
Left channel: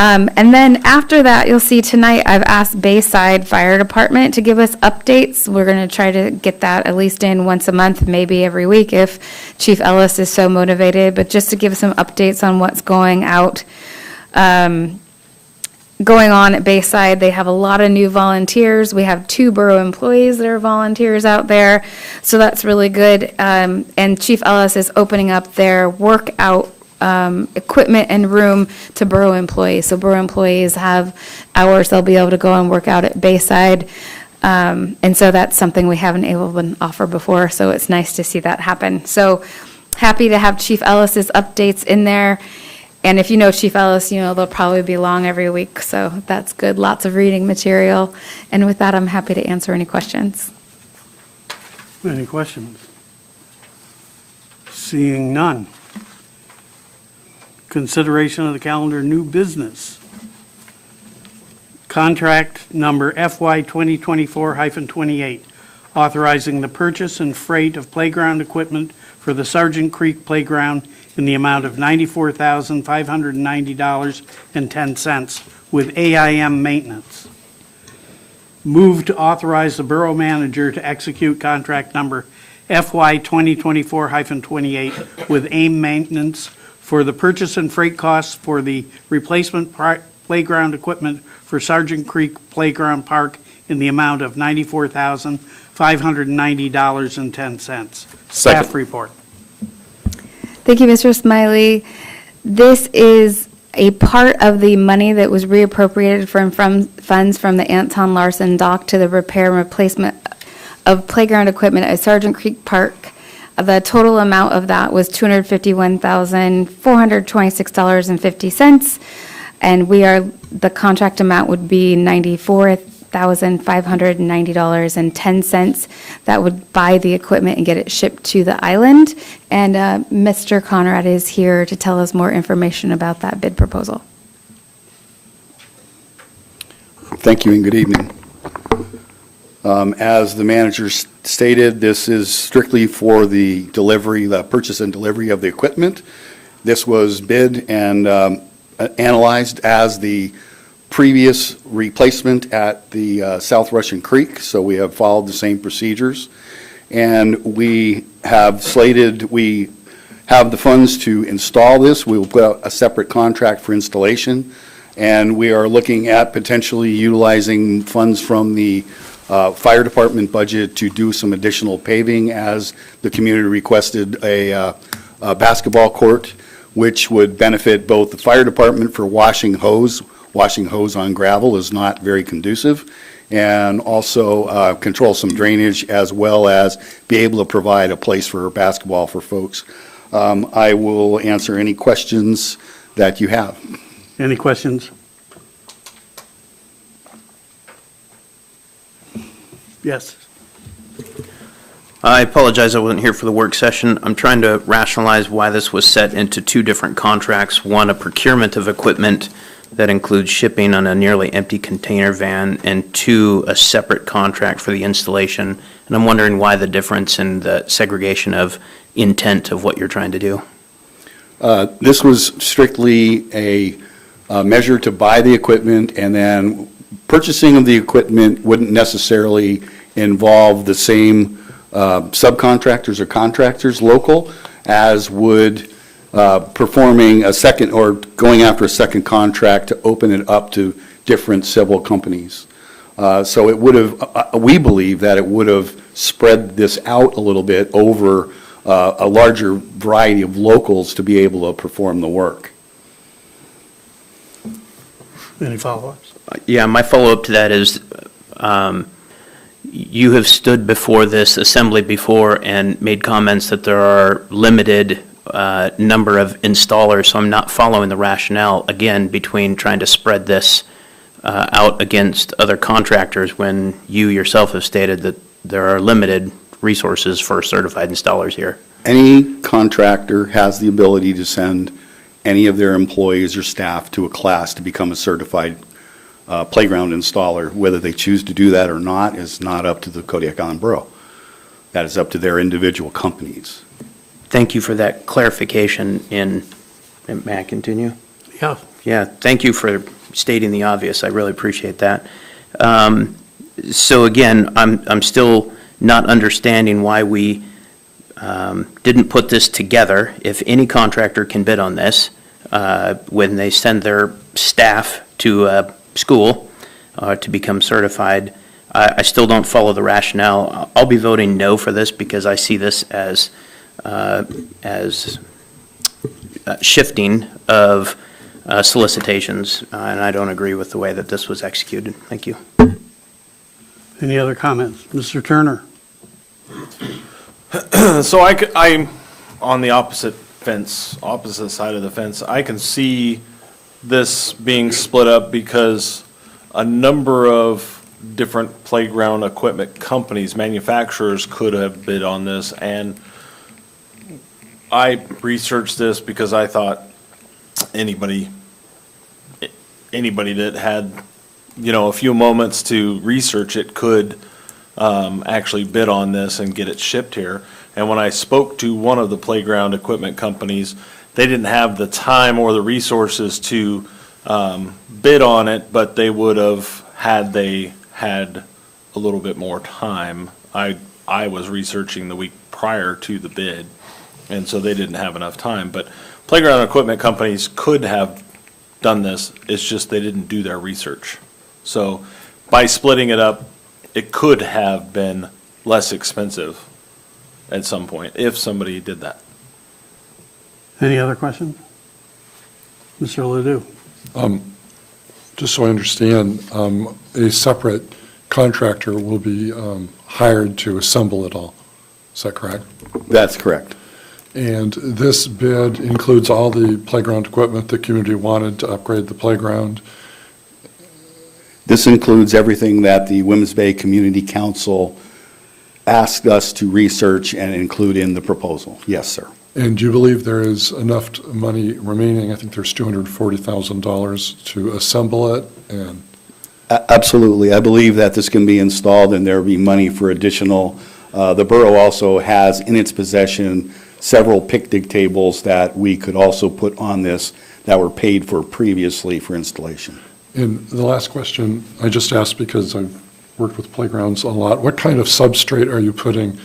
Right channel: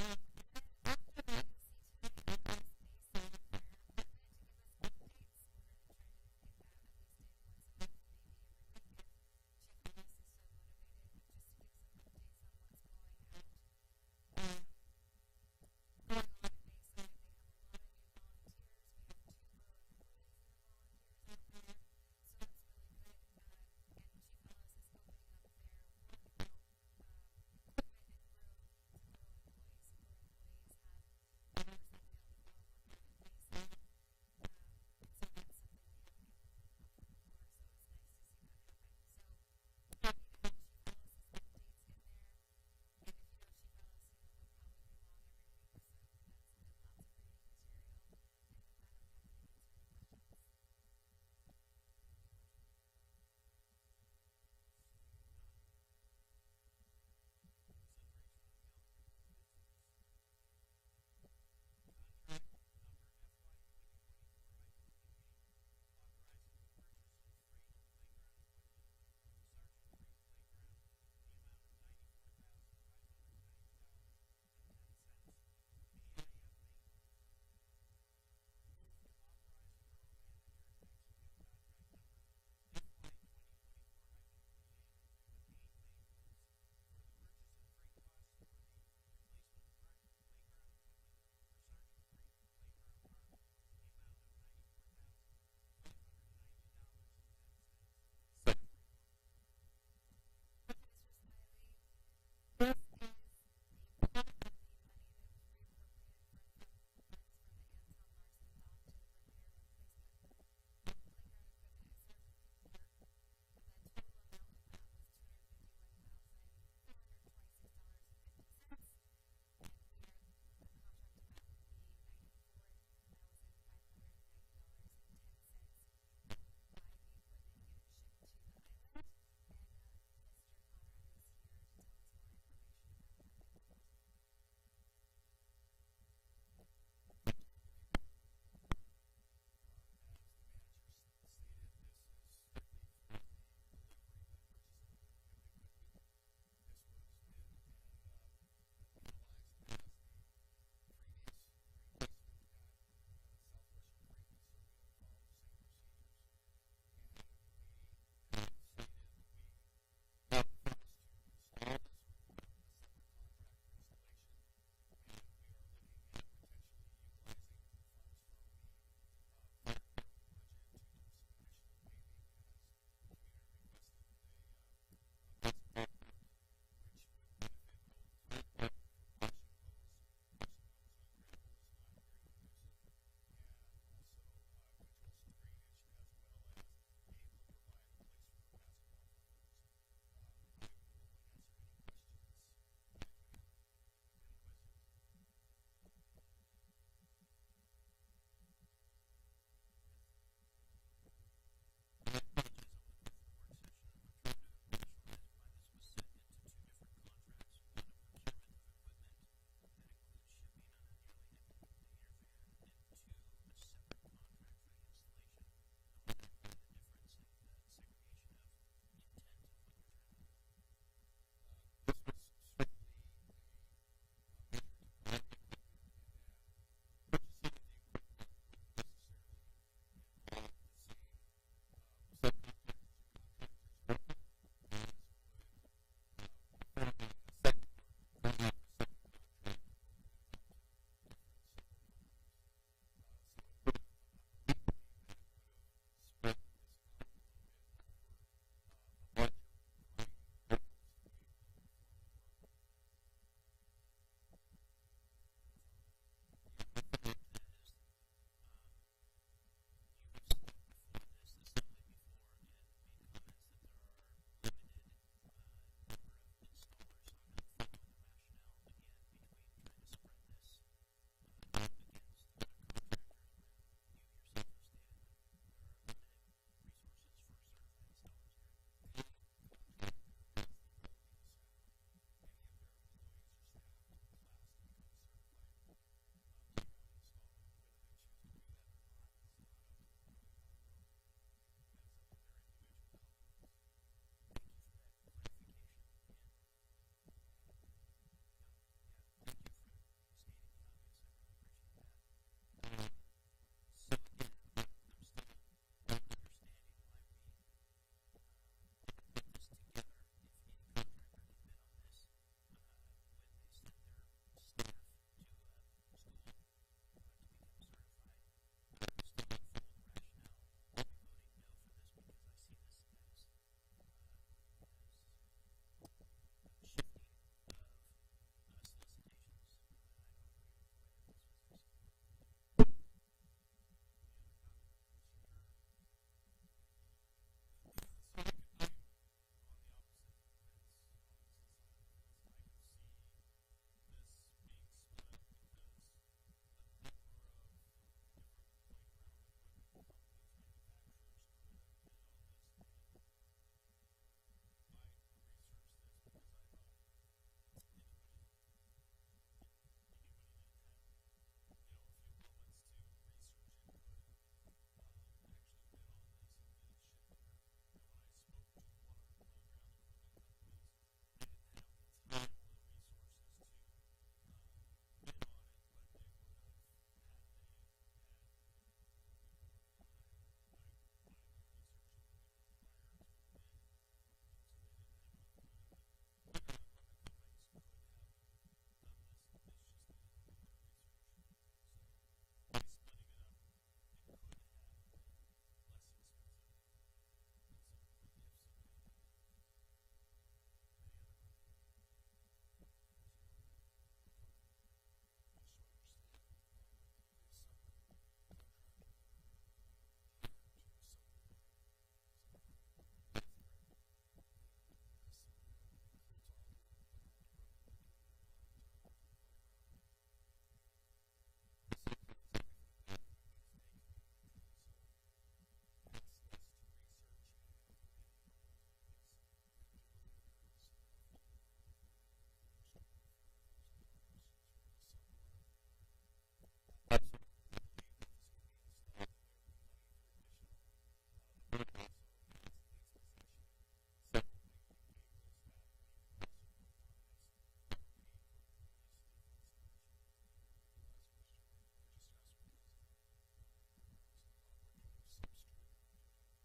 And then after that, you'll see tonight, I've asked Bayside Fire Department to give us updates. We're going to try to get that at least in once a month, maybe every week if Chief Ellis is so motivated, but just to give some updates on what's going on at Bayside. They have a lot of new volunteers. We have 2 borough employees that are volunteers out there, so that's really good. And Chief Ellis is opening up their workout equipment and room to borough employees. So borough employees have hours they'll be able to go and work out at Bayside. And so that's something we haven't able to offer before, so it's nice to see that happen. So happy to have Chief Ellis's updates in there. And if you know Chief Ellis, you know they'll probably be long every week, so that's good. Lots of reading material. And with that, I'm happy to answer any questions. Any questions? Seeing none. Consideration of the calendar, new business. Contract number FY 2024-28, authorizing the purchase and freight of playground equipment for the Sargent Creek Playground in the amount of $94,590.10 with AIM maintenance. Move to authorize the borough manager to execute contract number FY 2024-28 with AIM maintenance for the purchase and freight costs for the replacement playground equipment for Sargent Creek Playground Park in the amount of $94,590.10. Staff report. Thank you, Mr. Smiley. This is a part of the money that was reappropriated from funds from the Anton Larson dock to the repair and replacement of playground equipment at Sargent Creek Park. The total amount of that was $251,426.50, and the contract amount would be $94,590.10. That would buy the equipment and get it shipped to the island. And Mr. Conrad is here to tell us more information about that bid proposal. Thank you and good evening. As the manager stated, this is strictly for the purchase and delivery of the equipment. This was bid and analyzed as the previous replacement at the South Russian Creek, so we have followed the same procedures. And we have the funds to install this. We will put out a separate contract for installation, and we are looking at potentially utilizing funds from the fire department budget to do some additional paving, as the community requested a basketball court, which would benefit both the fire department for washing hose. Washing hose on gravel is not very conducive, and also control some drainage, as well as be able to provide a place for basketball for folks. I will answer any questions that you have. Any questions? Yes. I apologize, I wasn't here for the work session. I'm trying to rationalize why this was set into two different contracts. One, a procurement of equipment that includes shipping on a nearly empty container van, and two, a separate contract for the installation. And I'm wondering why the difference in the segregation of intent of what you're trying to do. This was strictly a measure to buy the equipment, and then purchasing of the equipment wouldn't necessarily involve the same subcontractors or contractors local as would performing a second or going after a second contract to open it up to different civil companies. So it would have, we believe that it would have spread this out a little bit over a larger variety of locals to be able to perform the work. Any follow-ups? Yeah, my follow-up to that is, you have stood before this assembly before and made comments that there are limited number of installers, so I'm not following the rationale, again, between trying to spread this out against other contractors when you yourself have stated that there are limited resources for certified installers here. Any contractor has the ability to send any of their employees or staff to a class to become a certified playground installer. Whether they choose to do that or not is not up to the Kodiak Island Borough. That is up to their individual companies. Thank you for that clarification may I continue? Yeah. Yeah, thank you for stating the obvious. I really appreciate that. So again, I'm still not understanding why we didn't put this together. If any contractor can bid on this, when they send their staff to a school to become certified, I still don't follow the rationale. I'll be voting no for this because I see this as shifting of solicitations, and I don't agree with the way that this was executed. Thank you. Any other comments? Mr. Turner? So I'm on the opposite side of the fence. I can see this being split up because a number of different playground equipment companies, manufacturers could have bid on this, and I researched this because I thought anybody that had, a few moments to research it could actually bid on this and get it shipped here. And when I spoke to one of the playground equipment companies, they didn't have the time or the resources to bid on it, but they would have had they had a little bit more time. I was researching the week prior to the bid, and so they didn't have enough time. But playground equipment companies could have done this, it's just they didn't do their research. So by splitting it up, it could have been less expensive at some point if somebody did that. Any other questions? Mr. Ledoux? Just so I understand, a separate contractor will be hired to assemble it all. Is that correct? That's correct. And this bid includes all the playground equipment the community wanted to upgrade the playground? This includes everything that the Women's Bay Community Council asked us to research and include in the proposal. Yes, sir. And do you believe there is enough money remaining? I think there's $240,000 to assemble it and. Absolutely. I believe that this can be installed and there will be money for additional. The borough also has in its possession several picnic tables that we could also put on this that were paid for previously for installation. And the last question I just asked because I've worked with playgrounds a lot. What kind of substrate are you putting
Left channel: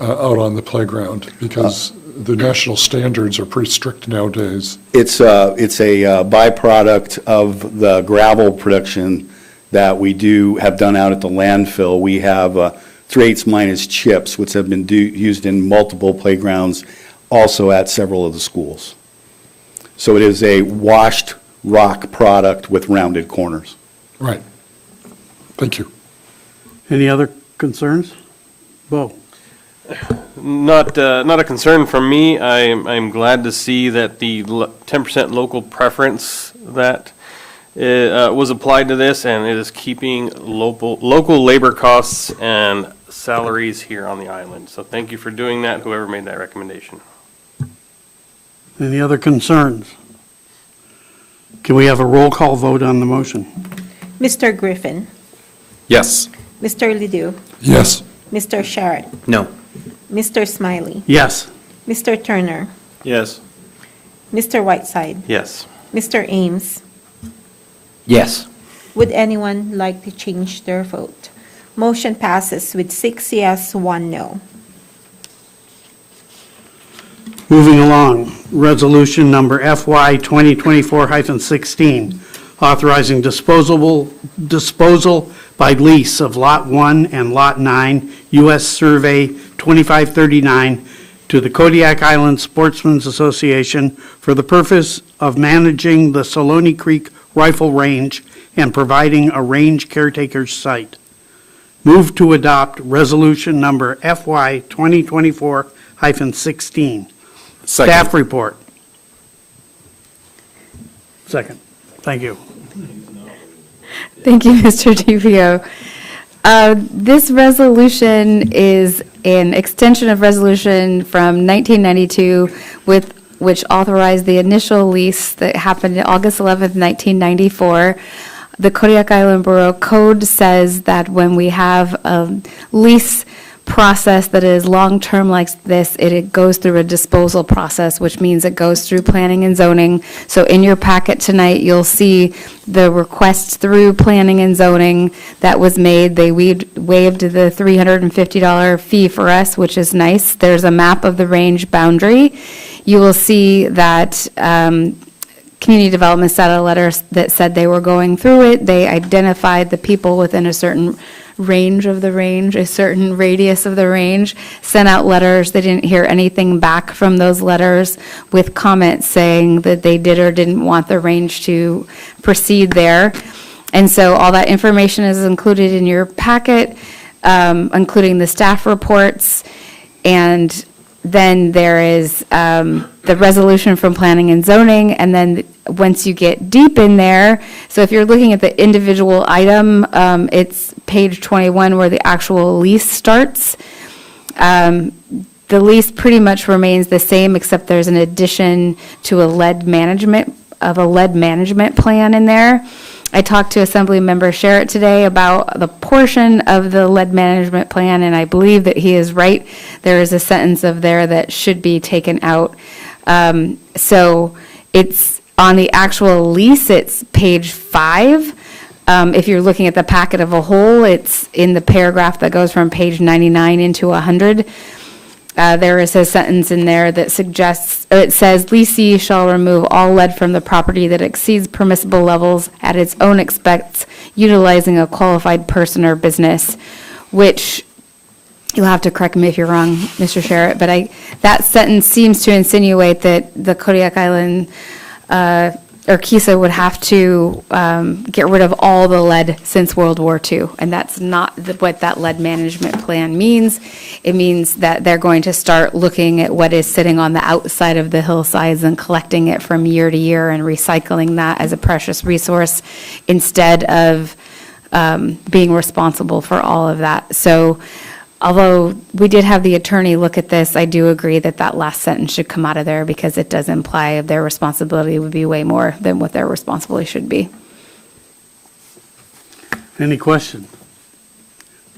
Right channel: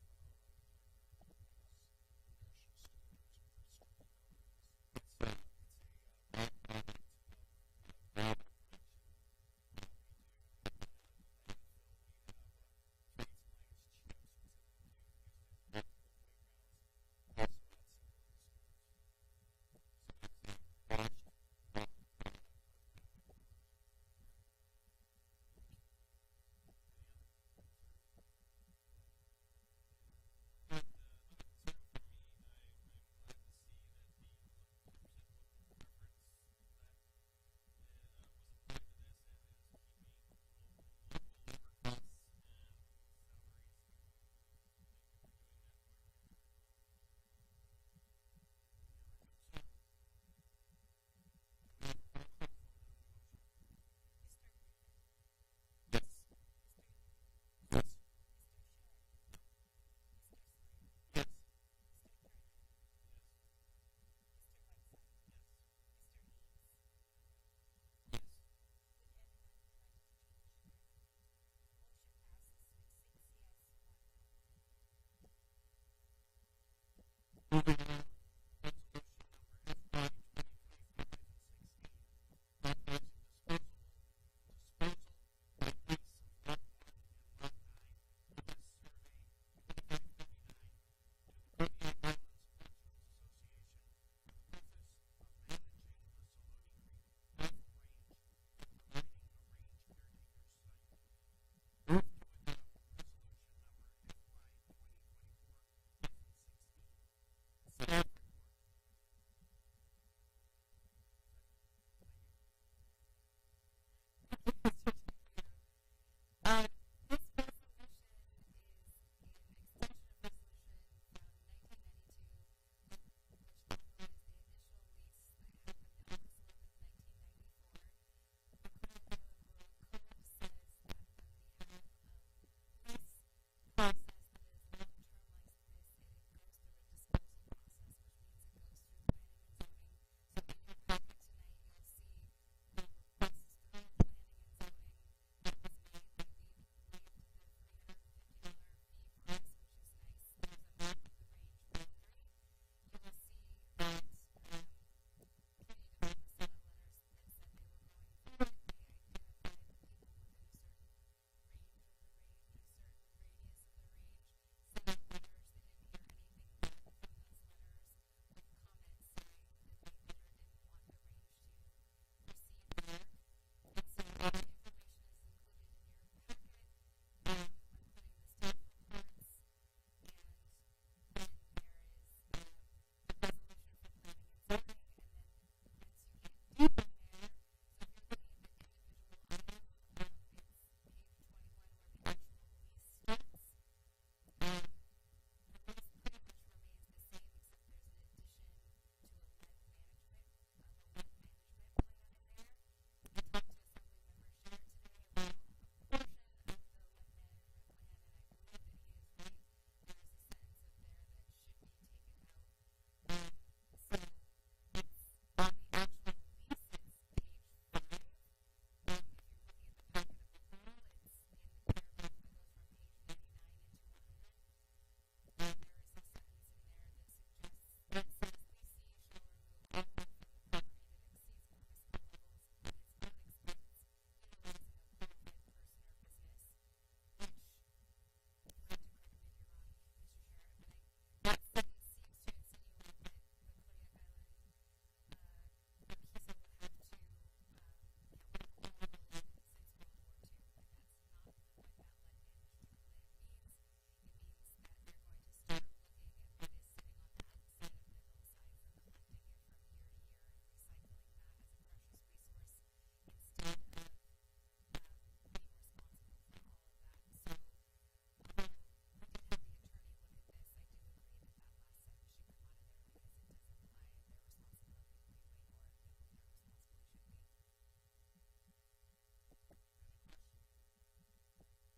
out on the playground? Because the national standards are pretty strict nowadays. It's a byproduct of the gravel production that we have done out at the landfill. We have 3/8 minus chips, which have been used in multiple playgrounds, also at several of the schools. So it is a washed rock product with rounded corners. Right. Thank you. Any other concerns? Bo? Not a concern from me. I'm glad to see that the 10% local preference that was applied to this, and it is keeping local labor costs and salaries here on the island. So thank you for doing that, whoever made that recommendation. Any other concerns? Can we have a roll call vote on the motion? Mr. Griffin, Yes. Mr. Ledoux, Yes. Mr. Sharrett, No. Mr. Smiley, Yes. Mr. Turner, Yes. Mr. Whiteside, Yes. Mr. Ames. Yes. Would anyone like to change their vote? Motion passes with 6 yes, 1 no. Moving along, resolution number FY 2024-16, authorizing disposal by lease of Lot 1 and Lot 9, U.S. Survey 2539, to the Kodiak Island Sportsmen's Association for the purpose of managing the Saloni Creek Rifle Range and providing a range caretaker's site. Move to adopt resolution number FY 2024-16. Staff report. Second. Thank you. Thank you, Mr. DPO. This resolution is an extension of resolution from 1992 which authorized the initial lease that happened August 11th, 1994. The Kodiak Island Borough Code says that when we have a lease process that is long-term like this, it goes through a disposal process, which means it goes through planning and zoning. So in your packet tonight, you'll see the request through planning and zoning that was made. They waived the $350 fee for us, which is nice. There's a map of the range boundary. You will see that Community Development sent a letter that said they were going through it. They identified the people within a certain range of the range, a certain radius of the range, sent out letters. They didn't hear anything back from those letters with comments saying that they did or didn't want the range to proceed there. And so all that information is included in your packet, including the staff reports. And then there is the resolution from planning and zoning, and then once you get deep in there, so if you're looking at the individual item, it's page 21 where the actual lease starts. The lease pretty much remains the same, except there's an addition to a lead management plan in there. I talked to Assemblymember Sharrett today about the portion of the lead management plan, and I believe that he is right. There is a sentence of there that should be taken out. So it's on the actual lease, it's page 5. If you're looking at the packet of a whole, it's in the paragraph that goes from page 99 into 100. There is a sentence in there that suggests, it says, leasee shall remove all lead from the property that exceeds permissible levels at its own expense, utilizing a qualified person or business, which, you'll have to correct me if you're wrong, Mr. Sharrett, but that sentence seems to insinuate that the Kodiak Island or KISA would have to get rid of all the lead since World War II, and that's not what that lead management plan means. It means that they're going to start looking at what is sitting on the outside of the hillsides and collecting it from year to year and recycling that as a precious resource instead of being responsible for all of that. So although we did have the attorney look at this, I do agree that that last sentence should come out of there because it does imply their responsibility would be way more than what their responsibility should be. Any question?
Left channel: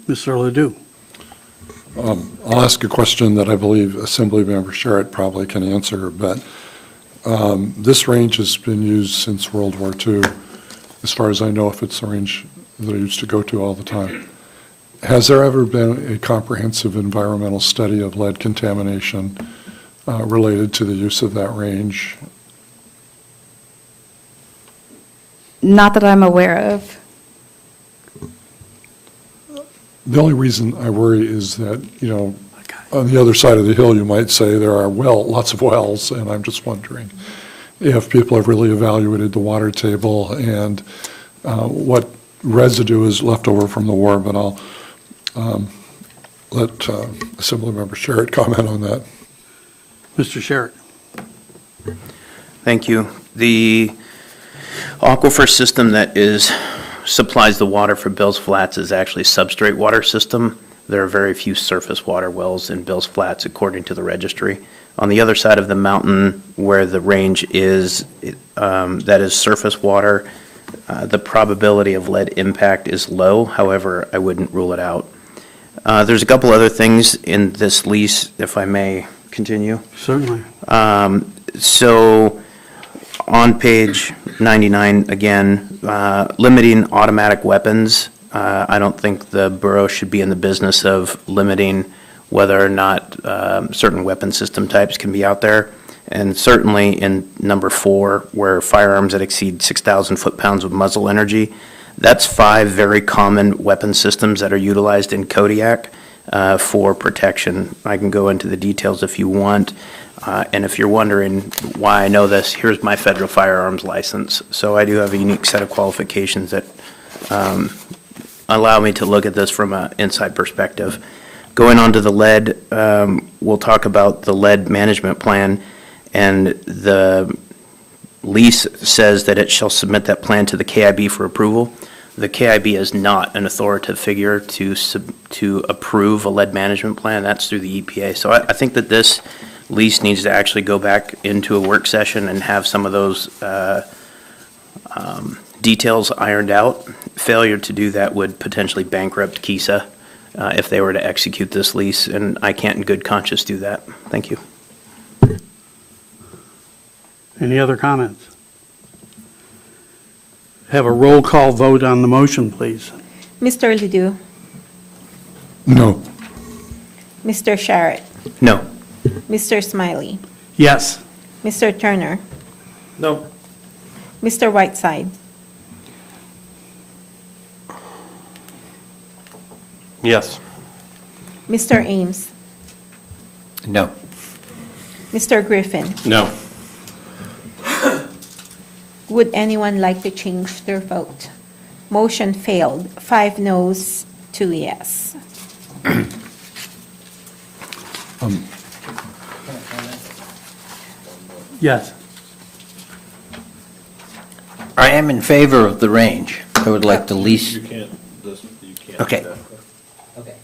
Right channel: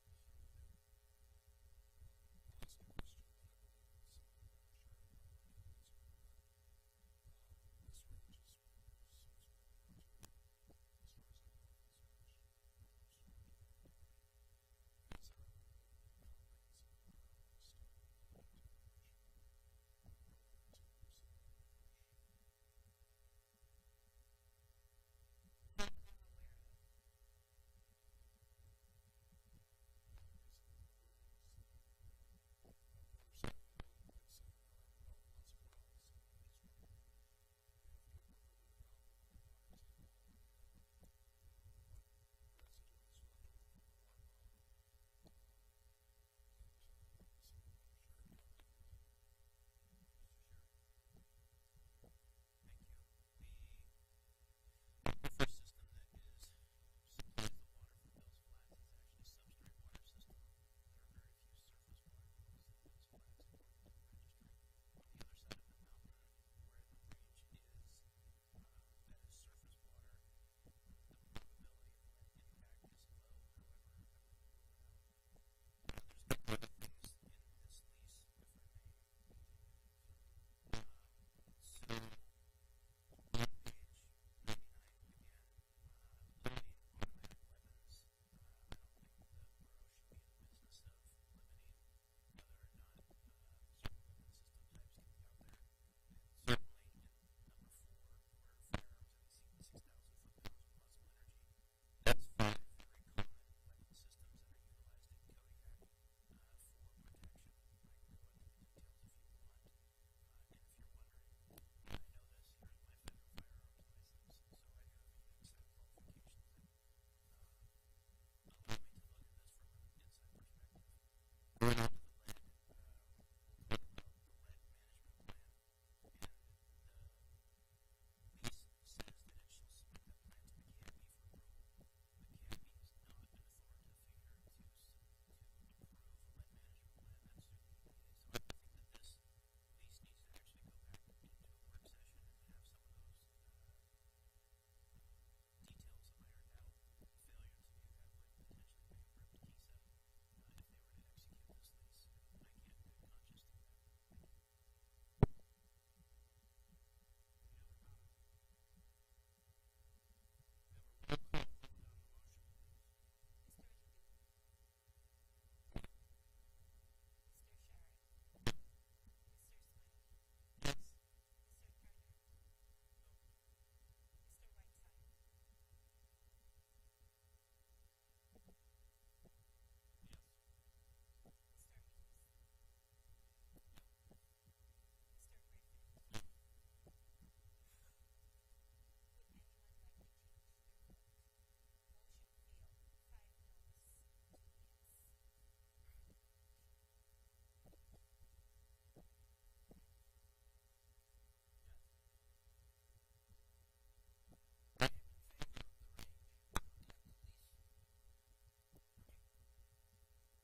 Mr. Ledoux. I'll ask a question that I believe Assemblymember Sharrett probably can answer, but this range has been used since World War II, as far as I know, if it's the range that I used to go to all the time. Has there ever been a comprehensive environmental study of lead contamination related to the use of that range? Not that I'm aware of. The only reason I worry is that, you know, on the other side of the hill, you might say there are lots of wells, and I'm just wondering if people have really evaluated the water table and what residue is left over from the war, but I'll let Assemblymember Sharrett comment on that. Mr. Sharrett. Thank you. The aquifer system that supplies the water for Bill's Flats is actually a substrate water system. There are very few surface water wells in Bill's Flats, according to the registry. On the other side of the mountain, where the range is, that is surface water, the probability of lead impact is low. However, I wouldn't rule it out. There's a couple other things in this lease, if I may continue. Certainly. So on page 99, again, limiting automatic weapons. I don't think the borough should be in the business of limiting whether or not certain weapon system types can be out there. And certainly in number 4, where firearms that exceed 6,000 foot-pounds of muzzle energy, that's 5 very common weapon systems that are utilized in Kodiak for protection. I can go into the details if you want. And if you're wondering why I know this, here's my federal firearms license. So I do have a unique set of qualifications that allow me to look at this from an inside perspective. Going on to the lead, we'll talk about the lead management plan, and the lease says that it shall submit that plan to the KIB for approval. The KIB is not an authoritative figure to approve a lead management plan. That's through the EPA. So I think that this lease needs to actually go back into a work session and have some of those details ironed out. Failure to do that would potentially bankrupt KISA if they were to execute this lease, and I can't in good conscience do that. Thank you. Any other comments? Have a roll call vote on the motion, please. Mr. Ledoux, No. Mr. Sharrett, No. Mr. Smiley, Yes. Mr. Turner, No. Mr. Whiteside, Yes. Mr. Ames, No. Mr. Griffin. No. Would anyone like to change their vote? Motion failed, 5 noes, 2 yes. Yes. I am in favor of the range. I would like the lease. You can't, you can't. Okay. do that. Okay.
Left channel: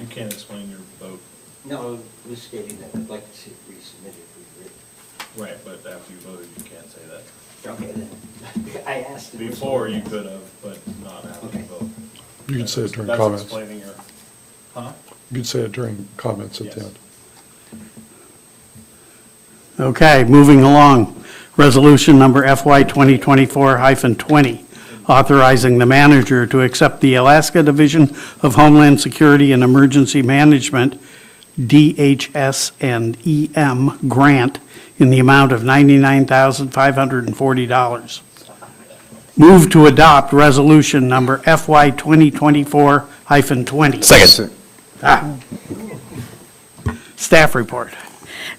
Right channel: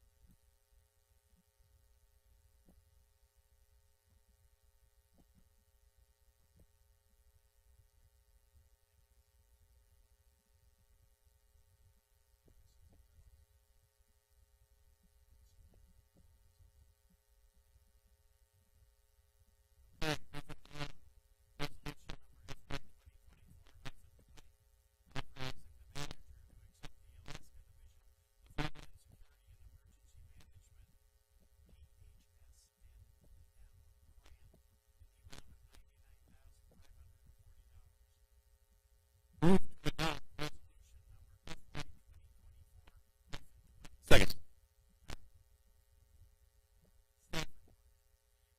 You can't explain your vote. No, I was stating that I'd like to see it resubmitted. Right, but after you voted, you can't say that. Okay, then. I asked. Before you could have, but not after you Okay. vote. You can say it during That's comments. explaining your, huh? You can say it during comments at the Yes. end. Okay, moving along. Resolution number FY 2024-20, authorizing the manager to accept the Alaska Division of Homeland Security and Emergency Management, DHS and EM grant in the amount of $99,540. Move to adopt resolution number FY 2024-20. Second. Staff report.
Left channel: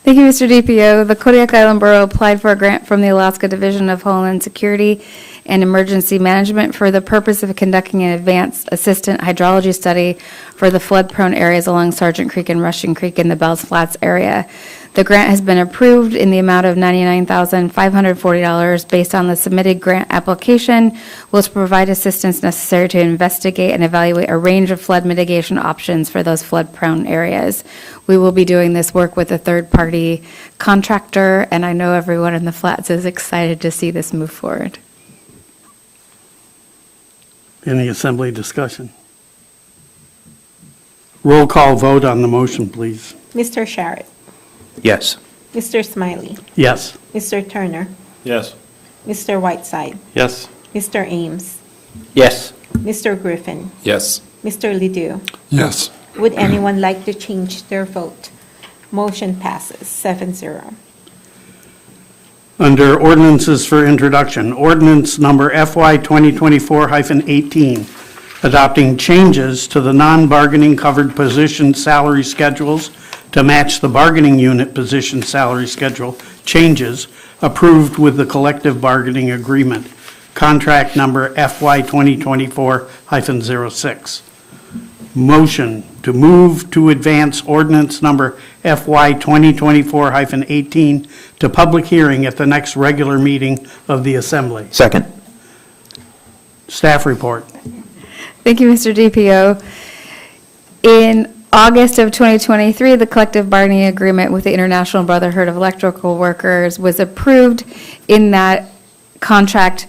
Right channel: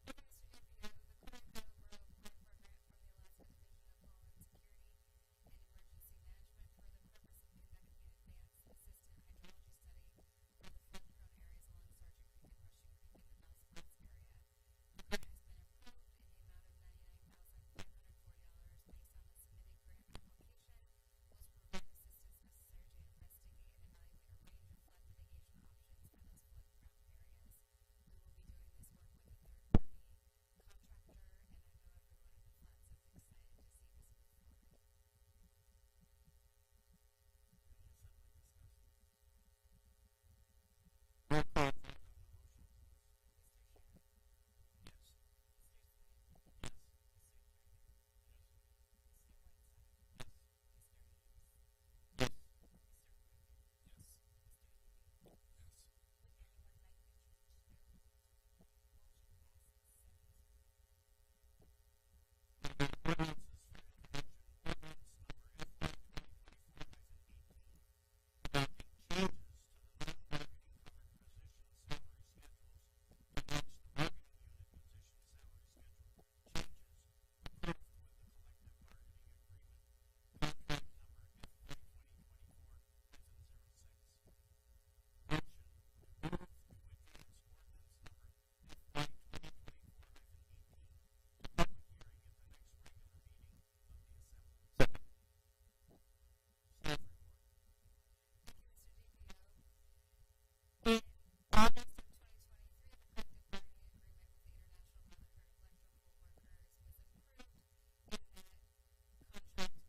Thank you, Mr. DPO. The Kodiak Island Borough applied for a grant from the Alaska Division of Homeland Security and Emergency Management for the purpose of conducting an advanced assistant hydrology study for the flood-prone areas along Sargent Creek and Russian Creek in the Bells Flats area. The grant has been approved in the amount of $99,540 based on the submitted grant application, which provide assistance necessary to investigate and evaluate a range of flood mitigation options for those flood-prone areas. We will be doing this work with a third-party contractor, and I know everyone in the Flats is excited to see this move forward. Any assembly discussion? Roll call vote on the motion, please. Mr. Sharrett, Yes. Mr. Smiley, Yes. Mr. Turner, Yes. Mr. Whiteside, Yes. Mr. Ames, Yes. Mr. Griffin, Yes. Mr. Ledoux. Yes. Would anyone like to change their vote? Motion passes 7-0. Under ordinances for introduction, ordinance number FY 2024-18, adopting changes to the non-bargaining covered position salary schedules to match the bargaining unit position salary schedule changes approved with the collective bargaining agreement, contract number FY 2024-06. Motion to move to advance ordinance number FY 2024-18 to public hearing at the next regular meeting of the Assembly. Second. Staff report. Thank you, Mr. DPO. In August of 2023, the collective bargaining agreement with the International Brotherhood of Electrical Workers was approved. In that contract,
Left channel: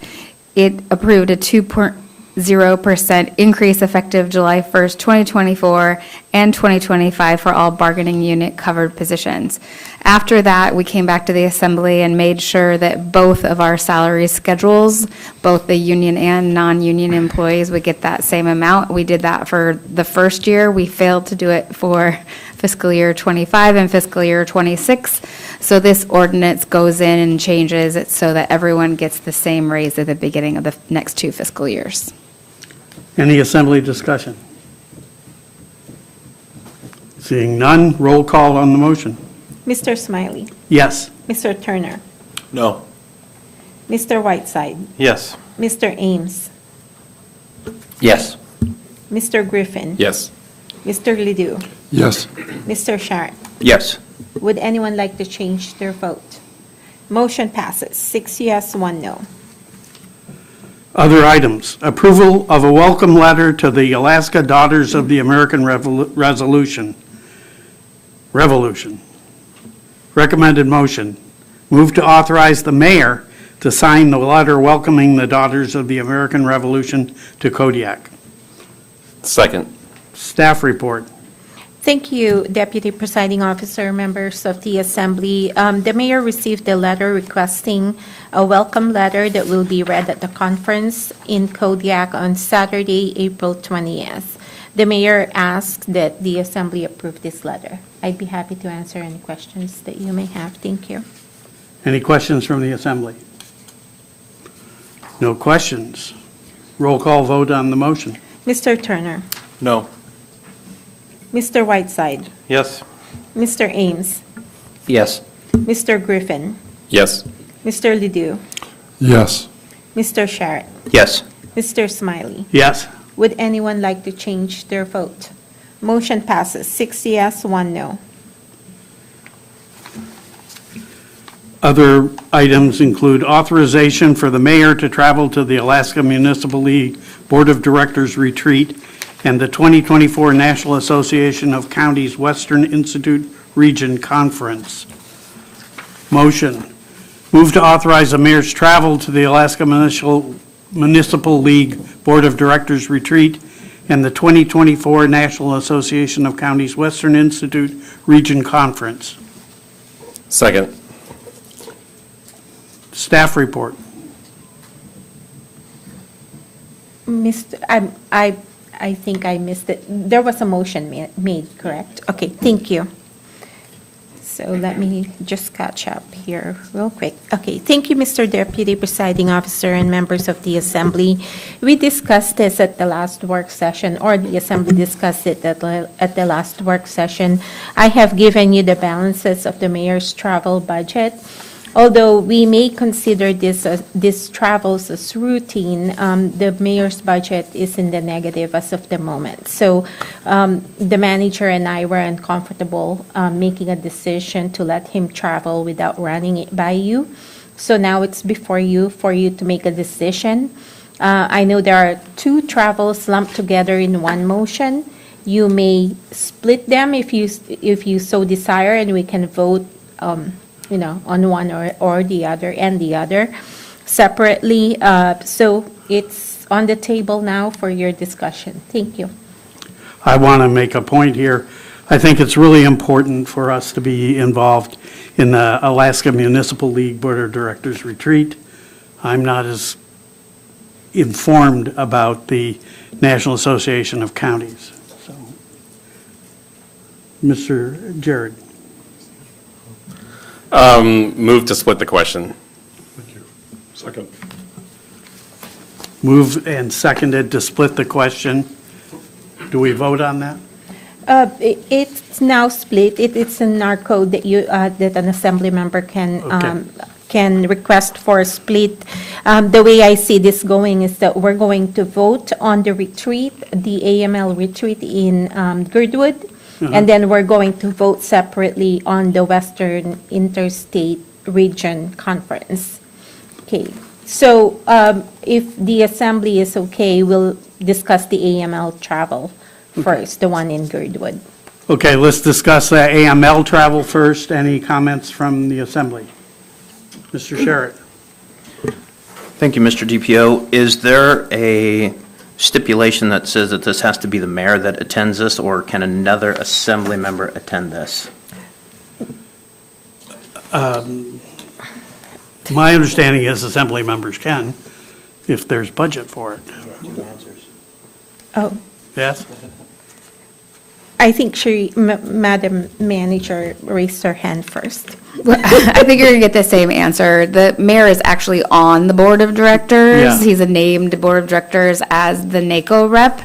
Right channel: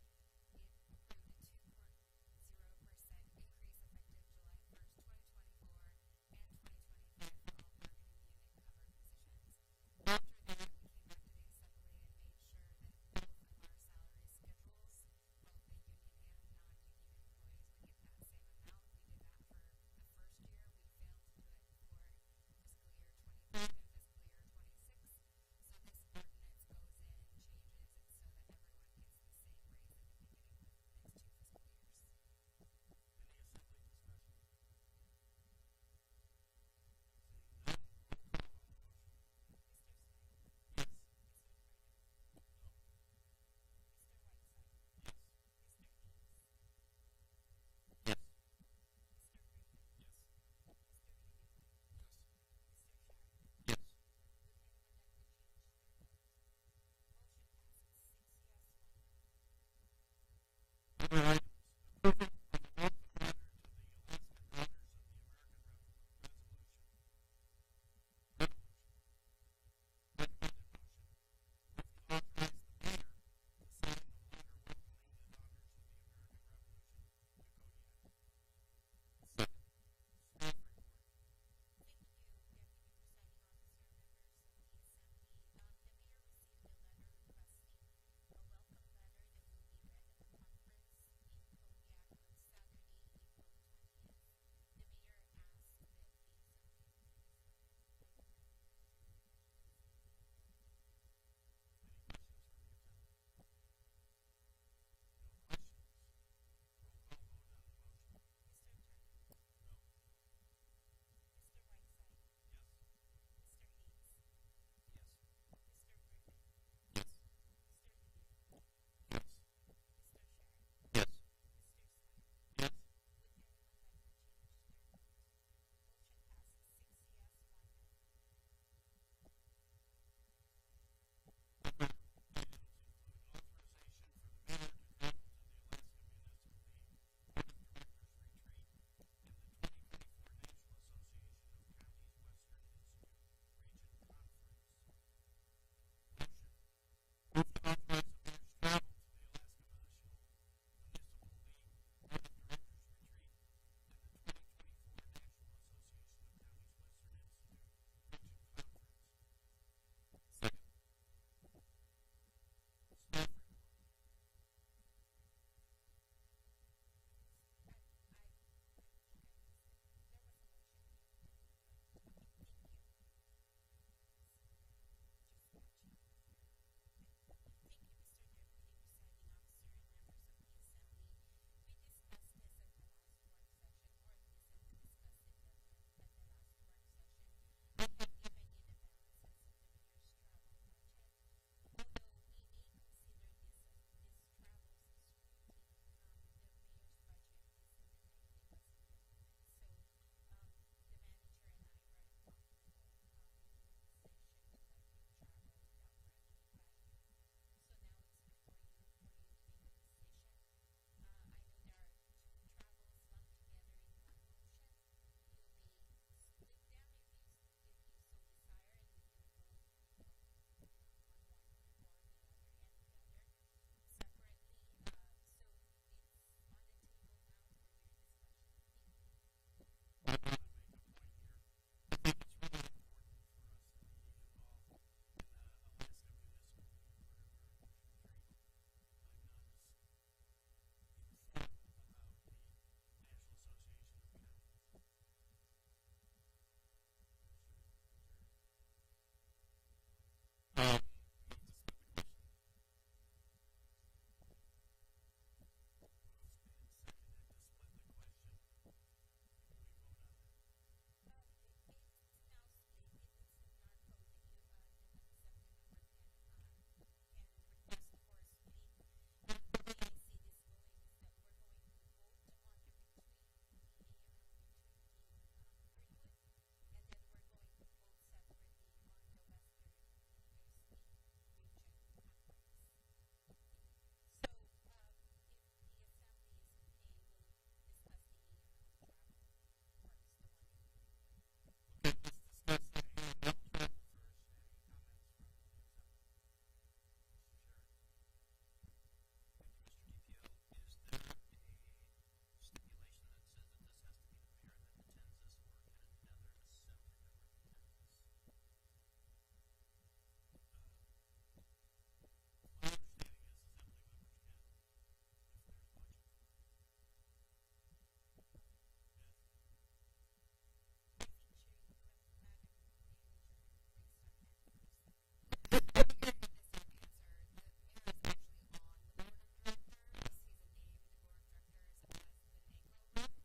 it approved a 2.0% increase effective July 1st, 2024 and 2025 for all bargaining unit covered positions. After that, we came back to the Assembly and made sure that both of our salary schedules, both the union and non-union employees, would get that same amount. We did that for the first year. We failed to do it for fiscal year 25 and fiscal year 26. So this ordinance goes in and changes it so that everyone gets the same raise at the beginning of the next 2 fiscal years. Any Assembly discussion? Seeing none, roll call on the motion. Mr. Smiley. Yes. Mr. Turner. No. Mr. Whiteside. Yes. Mr. Ames. Yes. Mr. Griffin. Yes. Mr. Ledoux. Yes. Mr. Sharp. Yes. Would anyone like to change their vote? Motion passes, 6 yes, 1 no. Other items. Approval of a welcome letter to the Alaska Daughters of the American Revolution. Recommended motion. Move to authorize the mayor to sign the letter welcoming the Daughters of the American Revolution to Kodiak. Second. Staff report. Thank you, Deputy Presiding Officer, members of the Assembly. The mayor received a letter requesting a welcome letter that will be read at the conference in Kodiak on Saturday, April 20th. The mayor asked that the Assembly approve this letter. I'd be happy to answer any questions that you may have. Thank you. Any questions from the Assembly? No questions. Roll call vote on the motion. Mr. Turner. No. Mr. Whiteside. Yes. Mr. Ames. Yes. Mr. Griffin. Yes. Mr. Ledoux. Yes. Mr. Sharp. Yes. Mr. Smiley. Yes. Would anyone like to change their vote? Motion passes, 6 yes, 1 no. Other items include authorization for the mayor to travel to the Alaska Municipal League Board of Directors retreat and the 2024 National Association of Counties Western Institute Region Conference. Motion. Move to authorize the mayor's travel to the Alaska Municipal League Board of Directors retreat and the 2024 National Association of Counties Western Institute Region Conference. Second. Staff report. I think I missed it. There was a motion made, correct? Okay, thank you. So let me just catch up here real quick. Okay, thank you, Mr. Deputy Presiding Officer and members of the Assembly. We discussed this at the last work session, or the Assembly discussed it at the last work session. I have given you the balances of the mayor's travel budget. Although we may consider this travels as routine, the mayor's budget is in the negative as of the moment. So the manager and I were uncomfortable making a decision to let him travel without running it by you. So now it's before you for you to make a decision. I know there are 2 travels lumped together in one motion. You may split them if you so desire, and we can vote on one or the other and the other separately. So it's on the table now for your discussion. Thank you. I want to make a point here. I think it's really important for us to be involved in the Alaska Municipal League Board of Directors retreat. I'm not as informed about the National Association of Counties. So, Mr. Jared. Move to split the question. Thank you. Second. Moved and seconded to split the question. Do we vote on that? It's now split. It's in our code that that an Assembly member can request for a split. The way I see this going is that we're going to vote on the retreat, the AML retreat in Girdwood. And then we're going to vote separately on the Western Interstate Region Conference. Okay, so if the Assembly is okay, we'll discuss the AML travel first, the one in Girdwood. Okay, let's discuss AML travel first. Any comments from the assembly? Mr. Sherritt? Thank you, Mr. DPO. Is there a stipulation that says that this has to be the mayor that attends this, or can another assembly member attend this? My understanding is assembly members can, if there's budget for it. Oh, Yes? I think Madam Manager raised her hand first. Well, I think you're going to get the same answer. The mayor is actually on the board of directors. Yeah. He's a named board of directors as the NACO rep.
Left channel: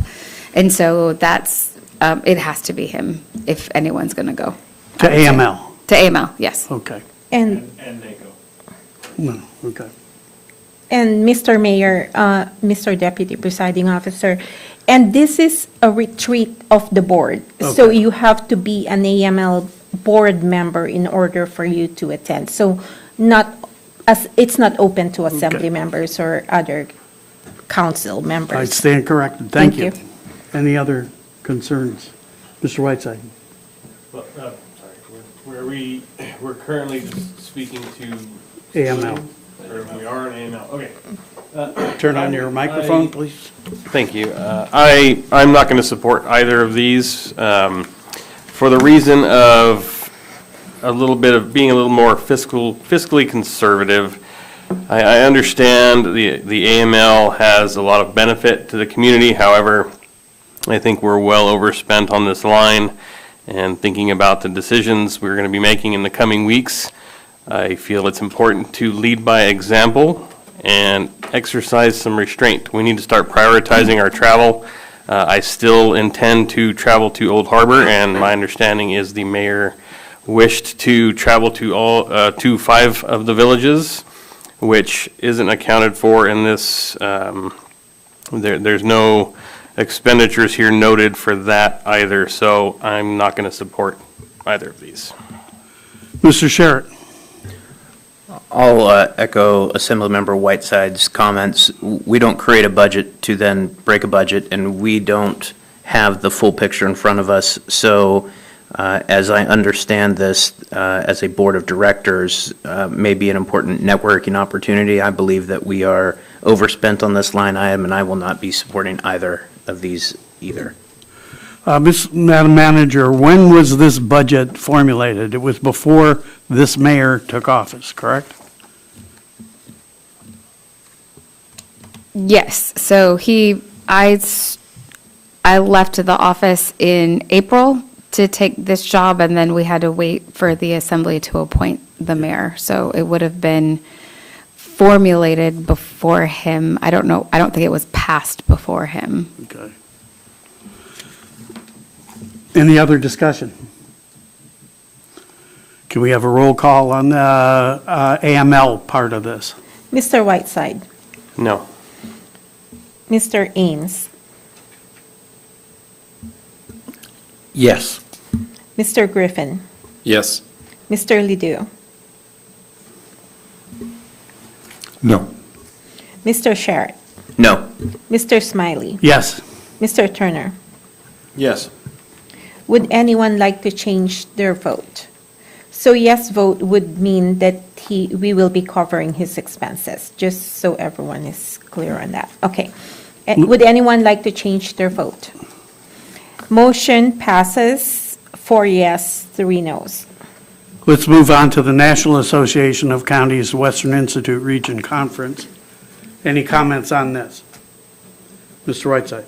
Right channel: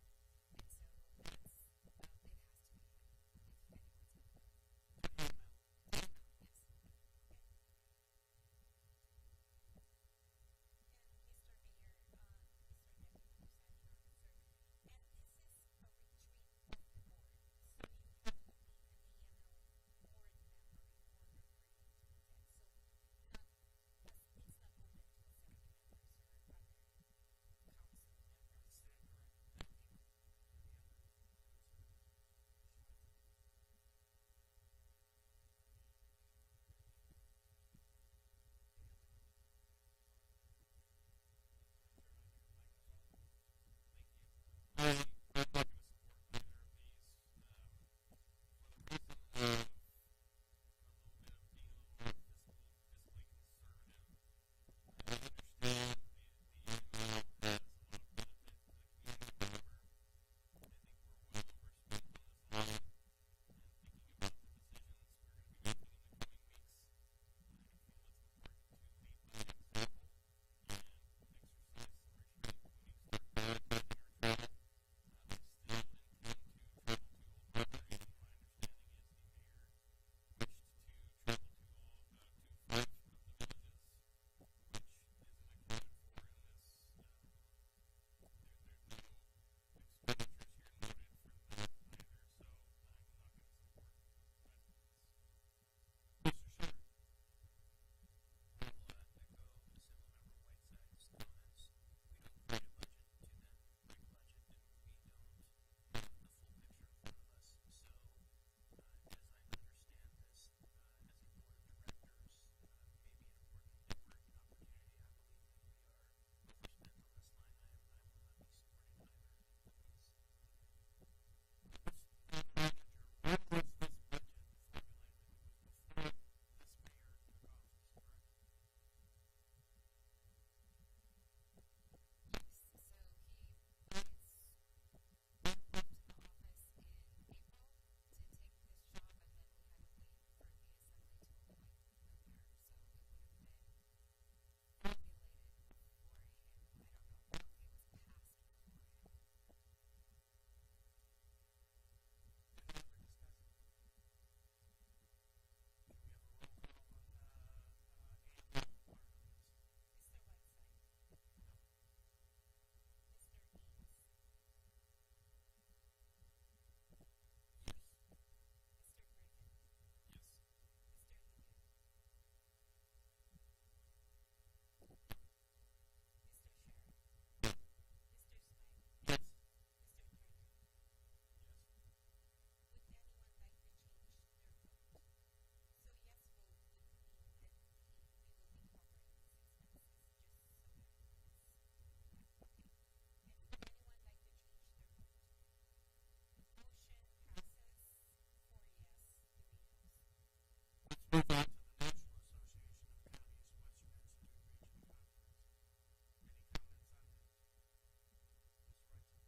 And so that's, it has to be him if anyone's going to go. To AML? To AML, yes. Okay. And No, okay. Mr. Mayor, Mr. Deputy Presiding Officer, and this is a retreat of the board. So Okay. you have to be an AML board member in order for you to attend. So it's not open to assembly Okay. members or other council I members. stand corrected. Thank Thank you. Any other concerns? Mr. Whiteside? Well, sorry, we're currently just speaking to. AML. Or we are in AML, okay. Turn on your microphone, please. Thank you. I'm not going to support either of these for the reason of a little bit of being a little more fiscally conservative. I understand the AML has a lot of benefit to the community. However, I think we're well overspent on this line, and thinking about the decisions we're going to be making in the coming weeks, I feel it's important to lead by example and exercise some restraint. We need to start prioritizing our travel. I still intend to travel to Old Harbor, and my understanding is the mayor wished to travel to 5 of the villages, which isn't accounted for in this. There's no expenditures here noted for that either, so I'm not going to support either of these. Mr. Sherritt? I'll echo Assemblymember Whiteside's comments. We don't create a budget to then break a budget, and we don't have the full picture in front of us. So as I understand this, as a board of directors, may be an important networking opportunity. I believe that we are overspent on this line item, and I will not be supporting either of these either. Madam Manager, when was this budget formulated? It was before this mayor took office, correct? Yes, so I left the office in April to take this job, and then we had to wait for the assembly to appoint the mayor. So it would have been formulated before him. I don't know, I don't think it was passed before him. Okay. Any other discussion? Can we have a roll call on the AML part of this? Mr. Whiteside, No. Mr. Ames, Yes. Mr. Griffin, Yes. Mr. Ledoux, No. Mr. Sherritt, No. Mr. Smiley, Yes. Mr. Turner. Yes. Would anyone like to change their vote? So yes vote would mean that we will be covering his expenses, just so everyone is clear on that. Okay. Would anyone like to change their vote? Motion passes 4 yes, 3 noes. Let's move on to the National Association of Counties Western Institute Region Conference. Any comments on this? Mr. Whiteside?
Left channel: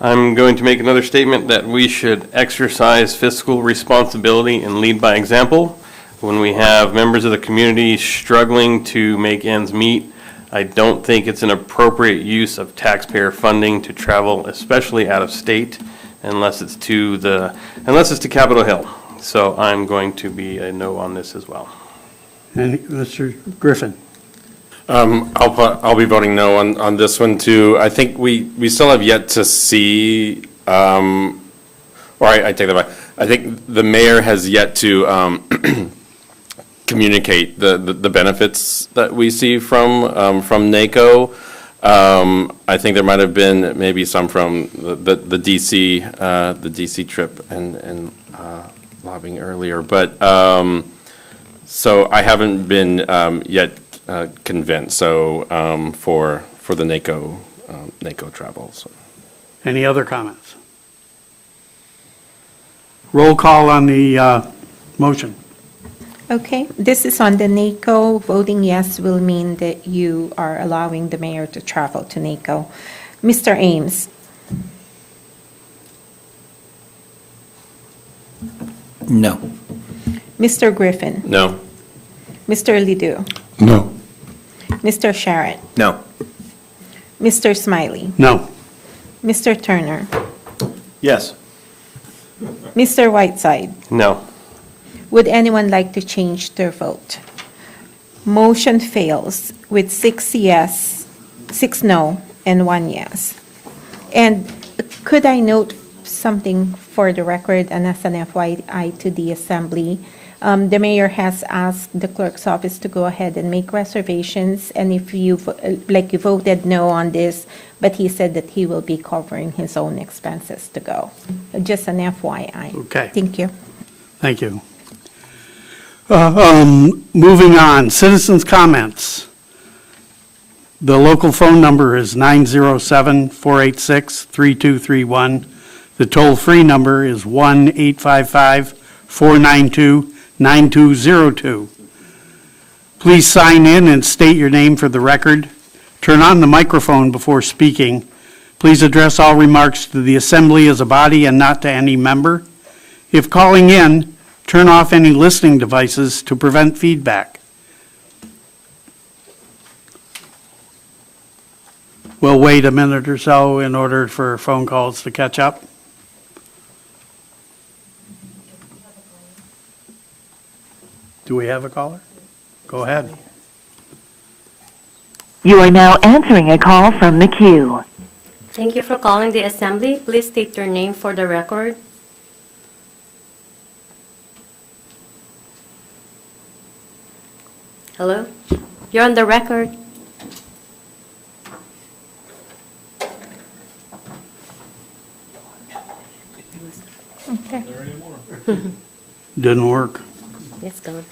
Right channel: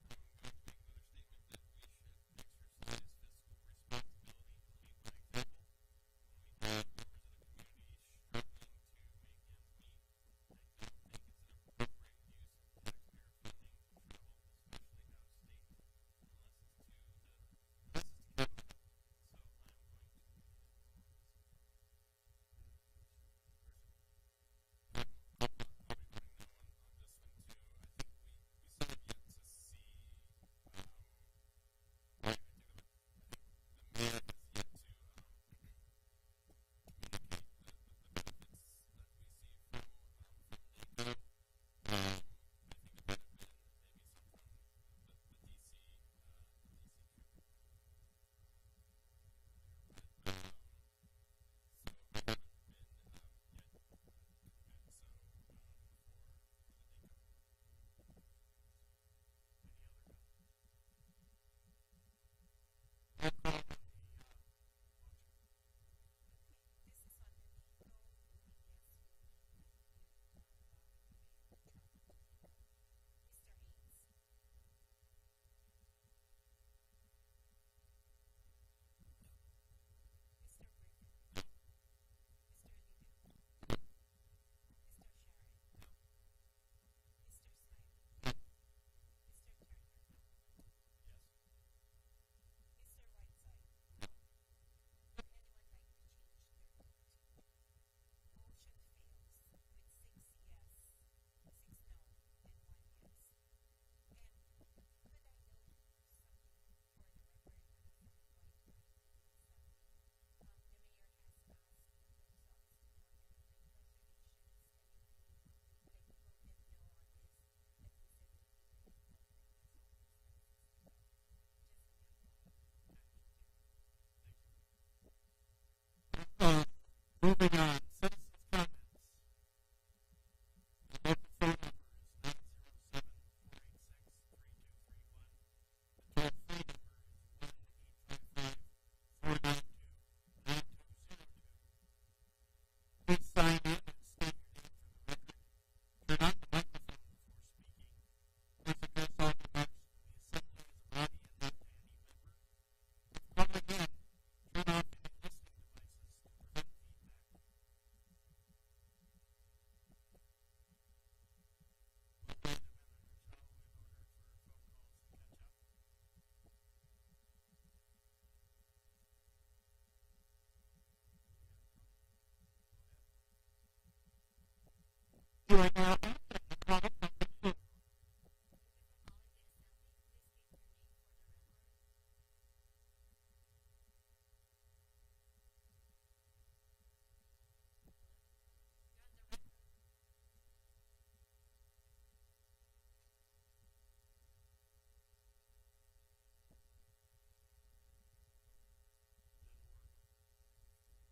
I'm going to make another statement that we should exercise fiscal responsibility and lead by example. When we have members of the community struggling to make ends meet, I don't think it's an appropriate use of taxpayer funding to travel, especially out of state, unless it's to Capitol Hill. So I'm going to be a no on this as well. And Mr. Griffin? I'll be voting no on this one too. I think we still have yet to see, or I take that back. I think the mayor has yet to communicate the benefits that we see from NACO. I think there might have been maybe some from the DC trip and lobbying earlier, but, so I haven't been yet convinced, so, for the NACO travel, so. Any other comments? Roll call on the motion. Okay, this is on the NACO. Voting yes will mean that you are allowing the mayor to travel to NACO. Mr. Ames? No. Mr. Griffin? No. Mr. Ledoux? No. Mr. Sharrett? No. Mr. Smiley? No. Mr. Turner? Yes. Mr. Whiteside? No. Would anyone like to change their vote? Motion fails with 6 yes, 6 no, and 1 yes. And could I note something for the record and as an FYI to the assembly? The mayor has asked the clerk's office to go ahead and make reservations, and if you voted no on this, but he said that he will be covering his own expenses to go. Just an FYI. Okay. Thank you. Thank you. Moving on, citizens' comments. The local phone number is 907-486-3231. The toll-free number is 1-855-492-9202. Please sign in and state your name for the record. Turn on the microphone before speaking. Please address all remarks to the assembly as a body and not to any member. If calling in, turn off any listening devices to prevent feedback. We'll wait a minute or so in order for phone calls to catch up. Do we have a caller? Go ahead. You are now answering a call from the queue. Thank you for calling the assembly. Please state your name for the record. Hello? You're on the record. Okay. Didn't work. Yes, go on.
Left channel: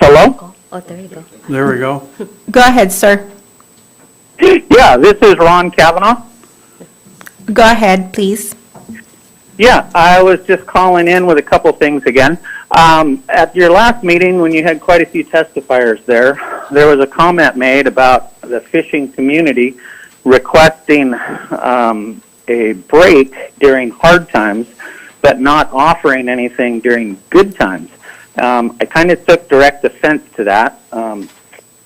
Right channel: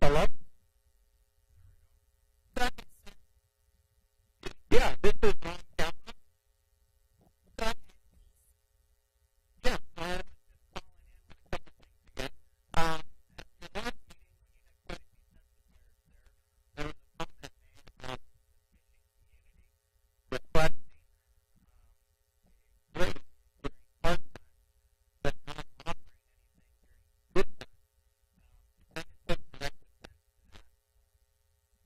Hello? Oh, there you go. There we go. Go ahead, sir. Yeah, this is Ron Kavanaugh. Go ahead, please. Yeah, I was just calling in with a couple things again. At your last meeting, when you had quite a few testifiers there was a comment made about the fishing community requesting a break during hard times, but not offering anything during good times. I kind of took direct offense to that.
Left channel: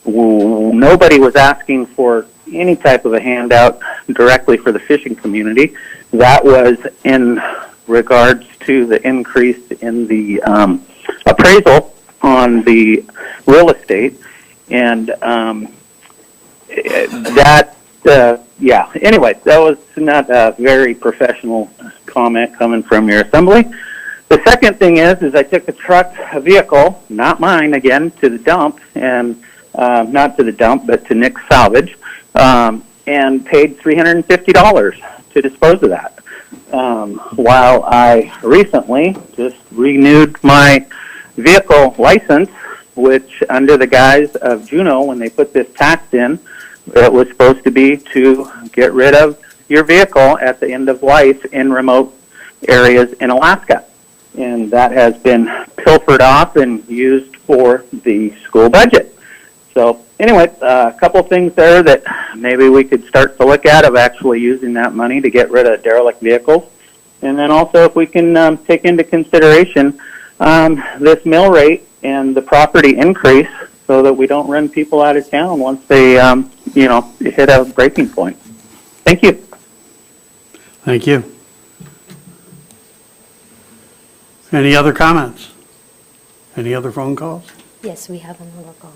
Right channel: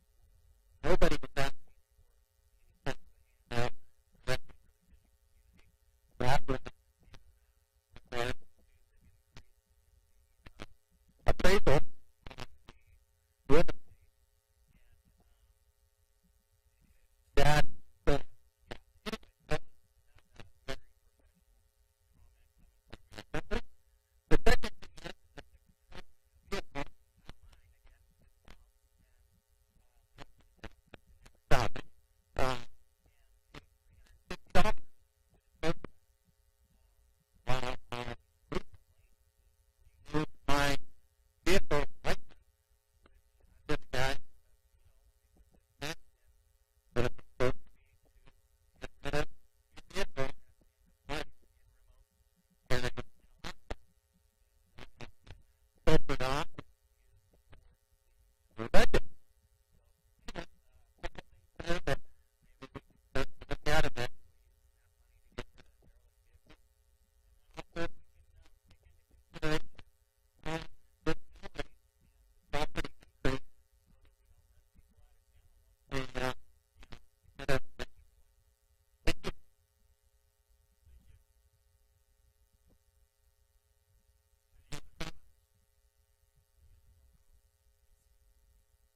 Nobody was asking for any type of a handout directly for the fishing community. That was in regards to the increase in the appraisal on the real estate. And anyway, that was not a very professional comment coming from your assembly. The second thing is I took a vehicle, not mine again, to the dump, and not to the dump, but to Nick's Salvage, and paid $350 to dispose of that. While I recently just renewed my vehicle license, which under the guise of Juneau, when they put this tax in, it was supposed to be to get rid of your vehicle at the end of life in remote areas in Alaska. And that has been pilfered off and used for the school budget. So anyway, a couple things there that maybe we could start to look at of actually using that money to get rid of derelict vehicles. And then also if we can take into consideration this mill rate and the property increase so that we don't run people out of town once they, hit a breaking point. Thank you. Thank you. Any other comments? Any other phone calls? Yes, we have another call.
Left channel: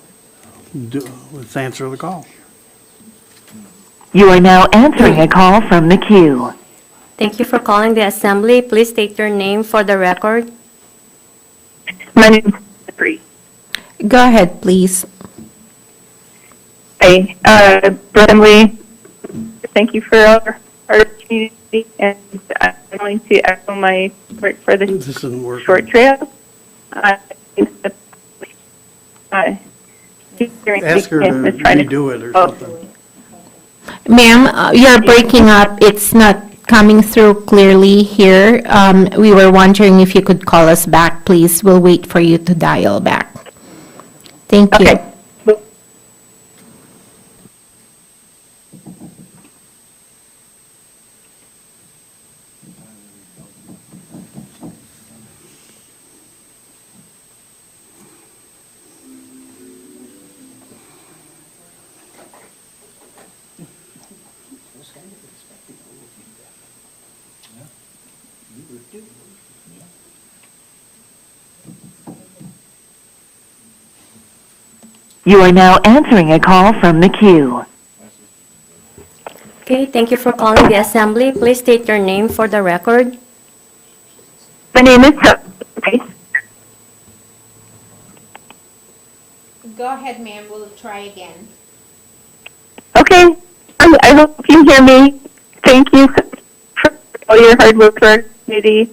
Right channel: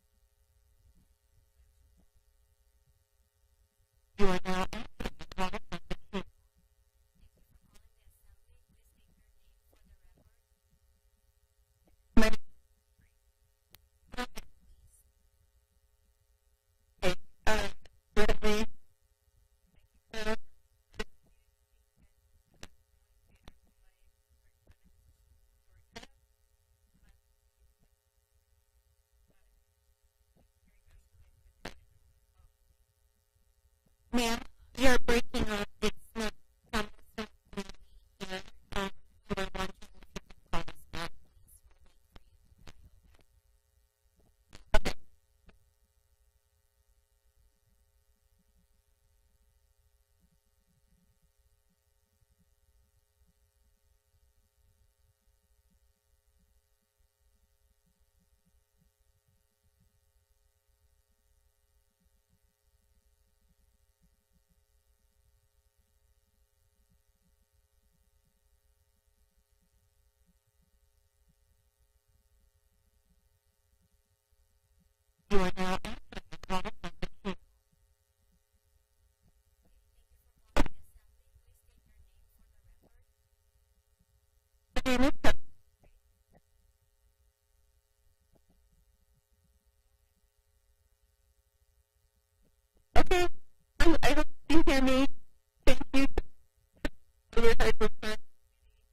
Let's answer the call. You are now answering a call from the queue. Thank you for calling the assembly. Please state your name for the record. My name is Free. Go ahead, please. Hi, Assembly. Thank you for our community, and I'm going to echo my support for the This isn't working. short trail. Ask her to redo it or something. Ma'am, you're breaking up. It's not coming through clearly here. We were wondering if you could call us back, please. We'll wait for you to dial back. Thank you. Okay. You are now answering a call from the queue. Okay, thank you for calling the assembly. Please state your name for the record. My name is Go ahead, ma'am. We'll try again. Okay. I hope you hear me. Thank you for all your hard work for our community.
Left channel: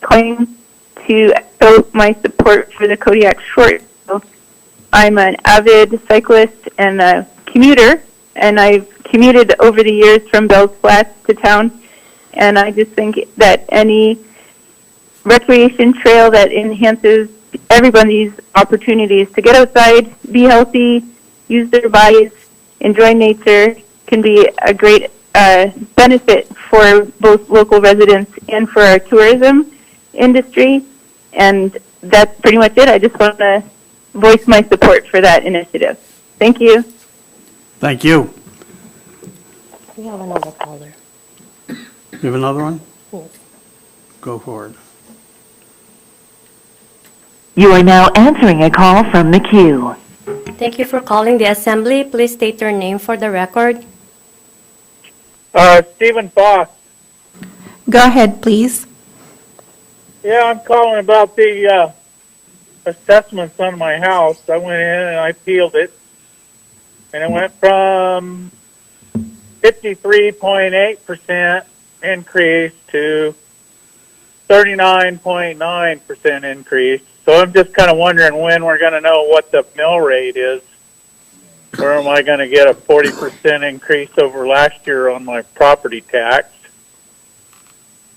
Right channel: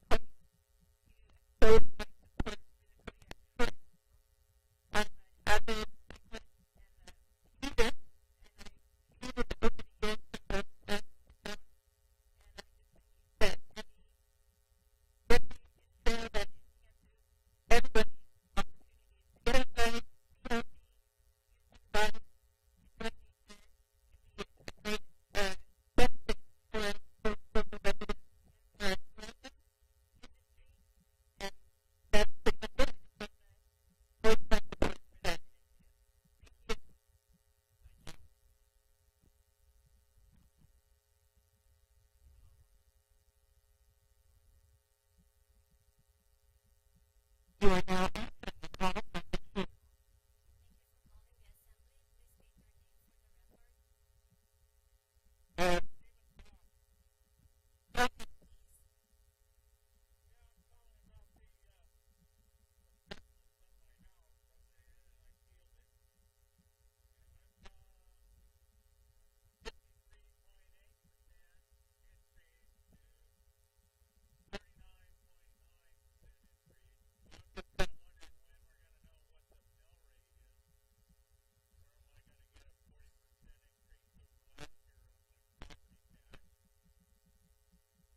Claim to echo my support for the Kodiak short. I'm an avid cyclist and a commuter, and I've commuted over the years from Bells Flats to town, and I just think that any recreation trail that enhances everybody's opportunities to get outside, be healthy, use their bodies, enjoy nature can be a great benefit for both local residents and for our tourism industry. And that's pretty much it. I just want to voice my support for that initiative. Thank you. Thank you. We have another caller. You have another one? Yes. Go for it. You are now answering a call from the queue. Thank you for calling the assembly. Please state your name for the record. Stephen Foss. Go ahead, please. Yeah, I'm calling about the assessments on my house. I went in and I peeled it, and it went from 53.8% increase to 39.9% increase. So I'm just kind of wondering when we're going to know what the mill rate is. Or am I going to get a 40% increase over last year on my property tax?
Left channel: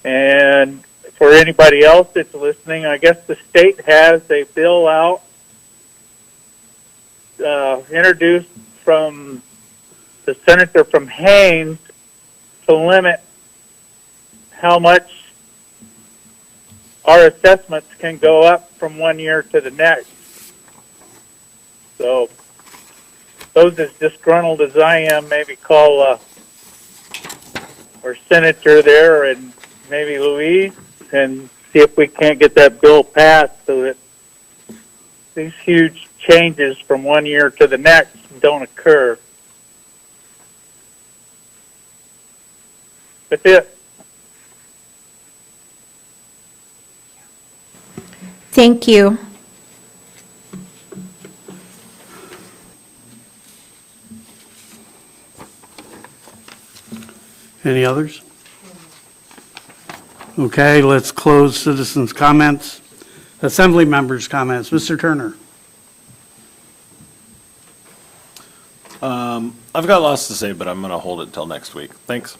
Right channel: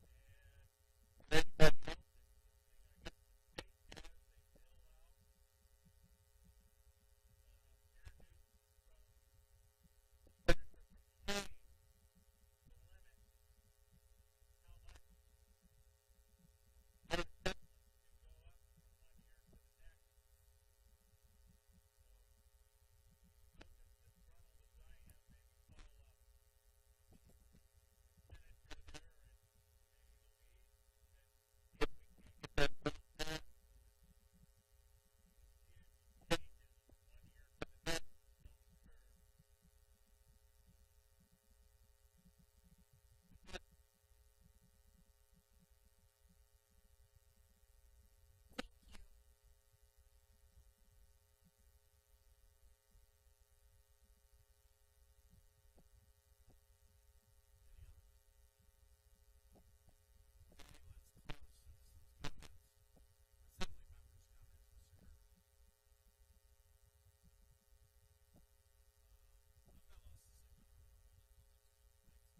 And for anybody else that's listening, I guess the state has a bill out introduced from the senator from Haines to limit how much our assessments can go up from one year to the next. So those as disgruntled as I am, maybe call our senator there and maybe Louise and see if we can't get that bill passed so that these huge changes from one year to the next don't occur. That's it. Thank you. Any others? Okay, let's close citizens' comments. Assembly members' comments. Mr. Turner. I've got lots to say, but I'm going to hold it till next week. Thanks.